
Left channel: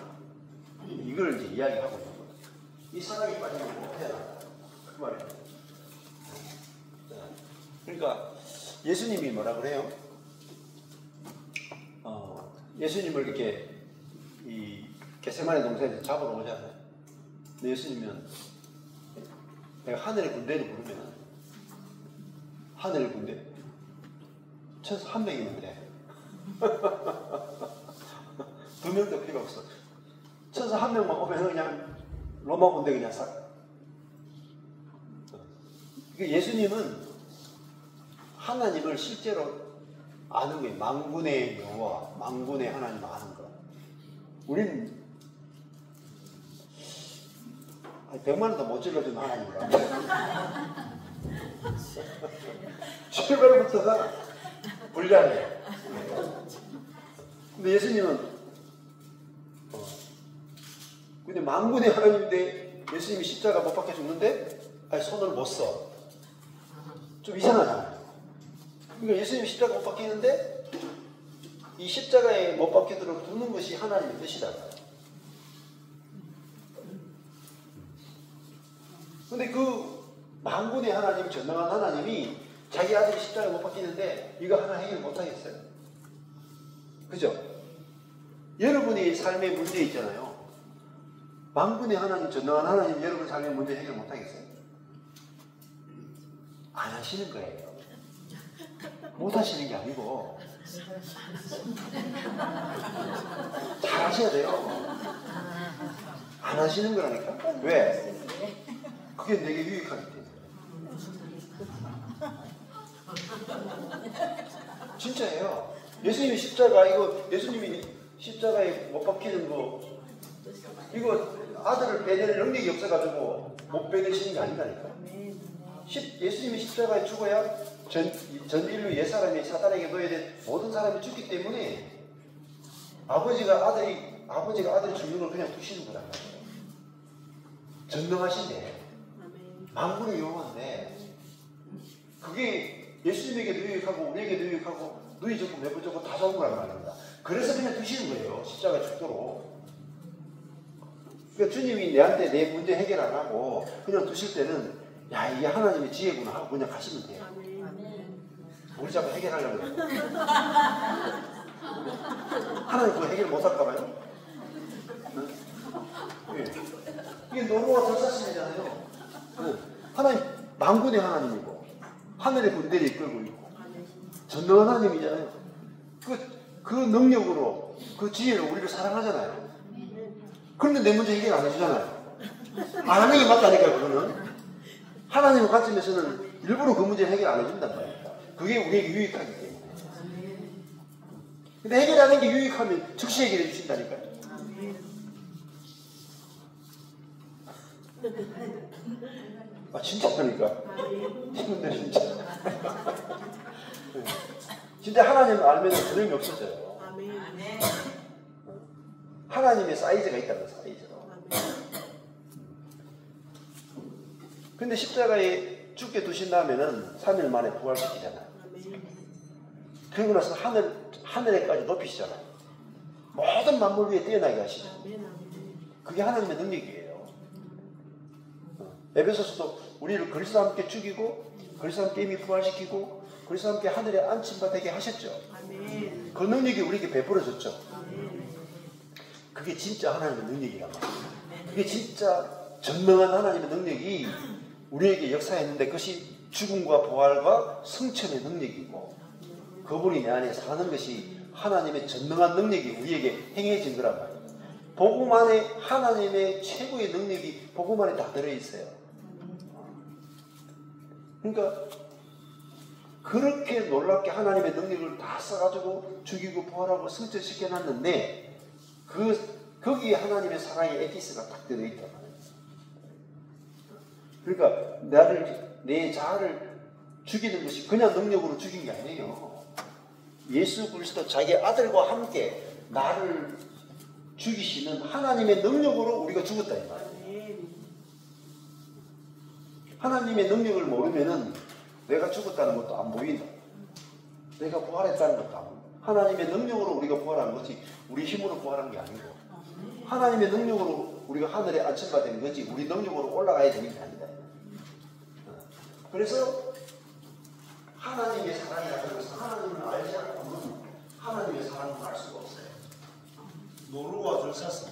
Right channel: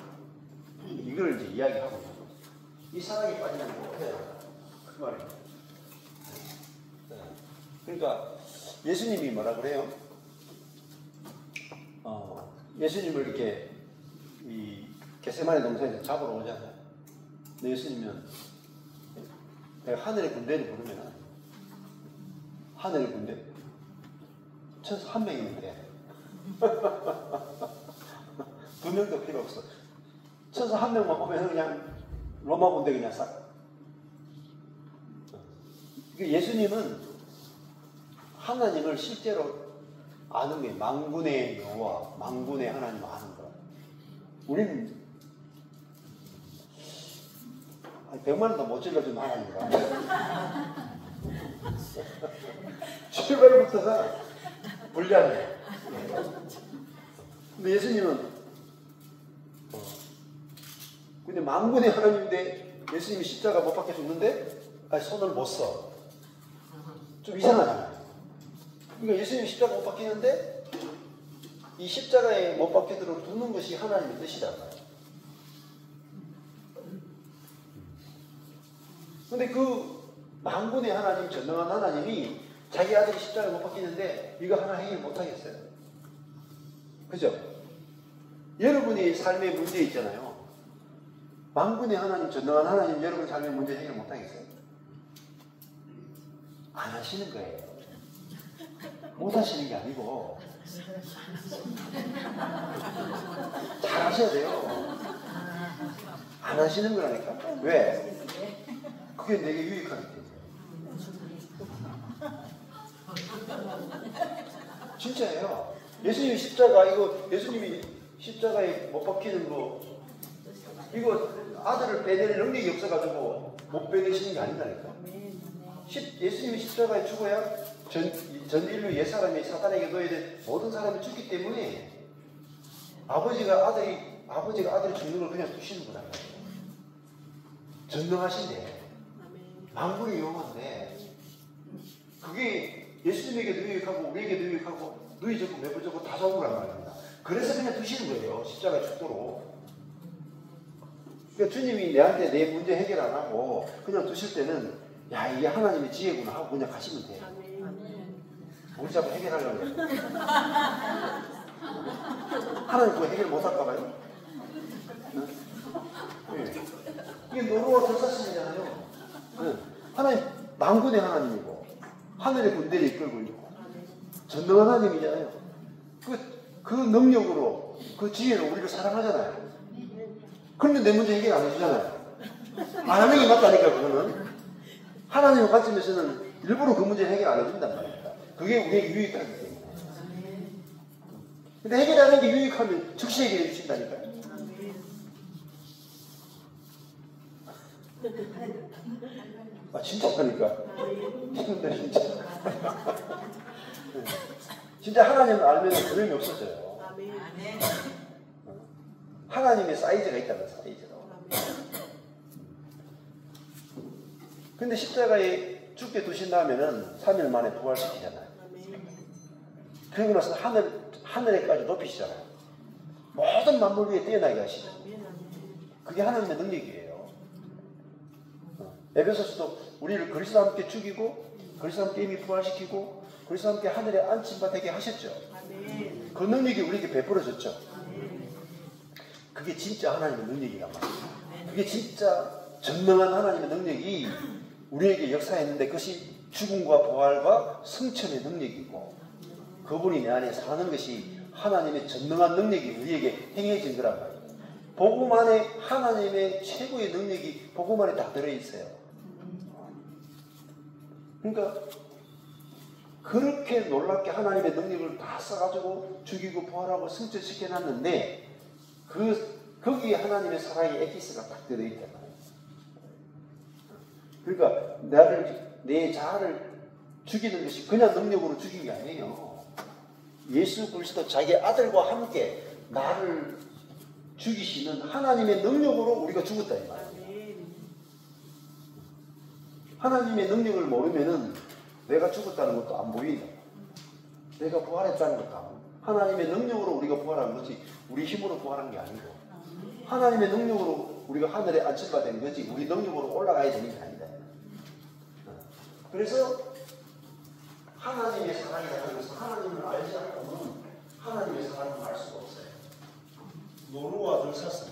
이걸 이제 이야기하고 있는 거죠. 이 사랑에 빠지면 못해요. 그 말이에요. 그러니까 예수님이 뭐라 그래요? 예수님을 이렇게 이 겟세마네 동산에서 잡으러 오잖아요. 근데 예수님은 내가 하늘의 군대를 부르면 하늘의 군대 최소 한 명이면 돼. 두 명도 필요 없어. 최소 한 명만 오면 그냥 로마 군대 그냥 싹. 예수님은 하나님을 실제로 아는 게 만군의 여호와, 만군의 하나님 아는 거. 우리는 100만 원도 못 질러준 하나님이라. 출발부터가 불리하네. 근데 예수님은 근데 만군의 하나님인데 예수님이 십자가 못 박혀 죽는데 손을 못 써. 좀 이상하잖아요. 그러니까 예수님이 십자가 못 박히는데 이 십자가에 못 박히도록 두는 것이 하나님의 뜻이다. 근데 그 만군의 하나님, 전능한 하나님이 자기 아들이 십자가에 못 박히는데 이거 하나 해결 못 하겠어요? 그죠? 여러분이 삶의 문제 있잖아요. 만군의 하나님, 전능한 하나님 여러분 삶의 문제 해결 못 하겠어요? 안 하시는 거예요. 못 하시는 게 아니고 잘 하셔야 돼요. 안 하시는 거라니까? 왜? 그게 내게 유익하기 때문에. 진짜예요. 예수님이 십자가, 이거 예수님이 십자가에 못 박히는 거, 이거 아들을 빼낼 능력이 없어가지고 못 빼내시는 게 아니다니까. 예수님이 십자가에 죽어야 전 인류 옛사람이 사단에게 놓여야 될 모든 사람이 죽기 때문에 아버지가 아들이 죽는 걸 그냥 두시는 거란 말이에요. 전능하신데 만군의 여호와인데 그게 예수님에게도 유익하고 우리에게도 유익하고 누이 좋고 매부 좋고 다 좋은 거란 말입니다. 그래서 그냥 두시는 거예요. 십자가에 죽도록. 그러니까 주님이 내한테 내 문제 해결 안 하고 그냥 두실 때는 야, 이게 하나님의 지혜구나 하고 그냥 가시면 돼요. 우리 자꾸 해결하려고 그래요. 하나님 그거 해결 못 할까봐요? 네. 이게 노루와 들사슴이잖아요. 네. 하나님 만군의 하나님이고 하늘의 군대를 이끌고 있고 전능한 하나님이잖아요. 그 능력으로 그 지혜로 우리를 사랑하잖아요. 그런데 내 문제 해결 안 해주잖아요. 안 하는 게 맞다니까. 그거는 하나님의 관점에서는 일부러 그 문제 해결 안 해준단 말이에요. 그게 우리에게 유익하기 때문에. 근데 해결하는 게 유익하면 즉시 해결해 주신다니까요. 아, 진짜 그러니까. 진짜. 진짜 하나님을 알면 두려움이 없어져요. 하나님의 사이즈가 있다는 사이즈로. 근데 십자가에 죽게 두신다면은 3일 만에 부활시키잖아요. 그리고 나서 하늘에까지 높이시잖아요. 모든 만물 위에 뛰어나게 하시죠. 그게 하나님의 능력이에요. 에베소서도 우리를 그리스도와 함께 죽이고 그리스도와 함께 이미 부활시키고 그리스도와 함께 하늘에 안침바 되게 하셨죠. 그 능력이 우리에게 베풀어졌죠. 그게 진짜 하나님의 능력이란 말이에요. 그게 진짜 전능한 하나님의 능력이 우리에게 역사했는데 그것이 죽음과 부활과 승천의 능력이고 그분이 내 안에 사는 것이 하나님의 전능한 능력이 우리에게 행해진 거란 말이에요. 복음 안에 하나님의 최고의 능력이 복음 안에 다 들어있어요. 그러니까 그렇게 놀랍게 하나님의 능력을 다 써가지고 죽이고 부활하고 승천시켜놨는데 거기에 하나님의 사랑의 에기스가 딱 들어있단 말이에요. 그러니까 내 자아를 죽이는 것이 그냥 능력으로 죽인 게 아니에요. 예수 그리스도 자기 아들과 함께 나를 죽이시는 하나님의 능력으로 우리가 죽었다 이 말이에요. 하나님의 능력을 모르면은 내가 죽었다는 것도 안 보인다. 내가 부활했다는 것도 안 보인다. 하나님의 능력으로 우리가 부활한 거지 우리 힘으로 부활한 게 아니고 하나님의 능력으로 우리가 하늘에 안침받은 거지 우리 능력으로 올라가야 되는 게 아니다. 그래서 하나님의 사랑이라는 것은 하나님을 알지 않고는 하나님의 사랑을 알 수가 없어요. 노루와 들사슴,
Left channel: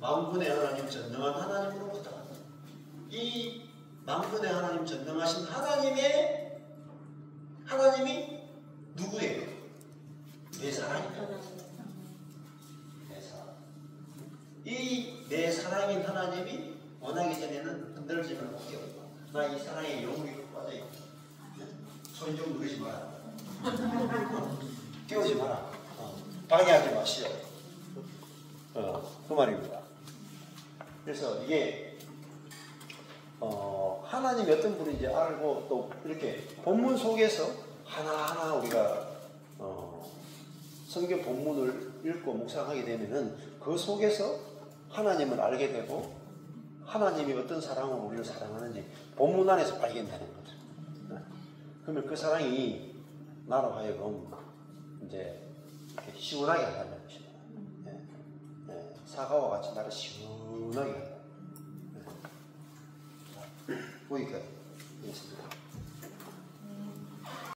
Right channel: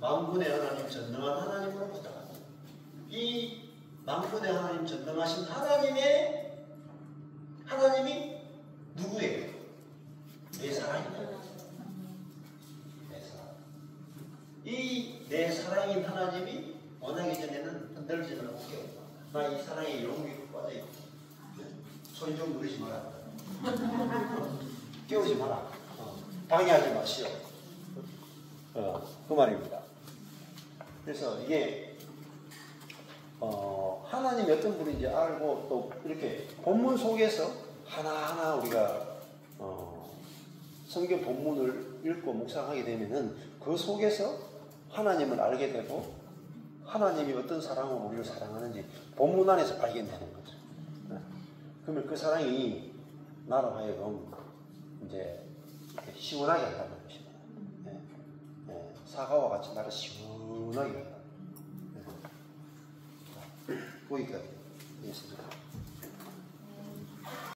만군의 하나님 전능한 하나님으로부터 이 만군의 하나님 전능하신 하나님이 누구예요? 내 사랑이다. 내 사랑. 이 내 사랑인 하나님이 원하기 전에는 흔들지는 않게 나 이 사랑에 영웅이 빠져있다. 손 좀 누르지 마라. 끼우지 마라. 방해하지 마시오. 그 말입니다. 그래서 이게 하나님이 어떤 분인지 알고 또 이렇게 본문 속에서 하나하나 우리가 성경 본문을 읽고 묵상하게 되면은 그 속에서 하나님을 알게 되고 하나님이 어떤 사랑으로 우리를 사랑하는지 본문 안에서 발견되는 거죠. 그러면 그 사랑이 나로 하여금 이제 시원하게 한다는 것입니다. 사과와 같이 나를 시원하게 한다. 거기까지.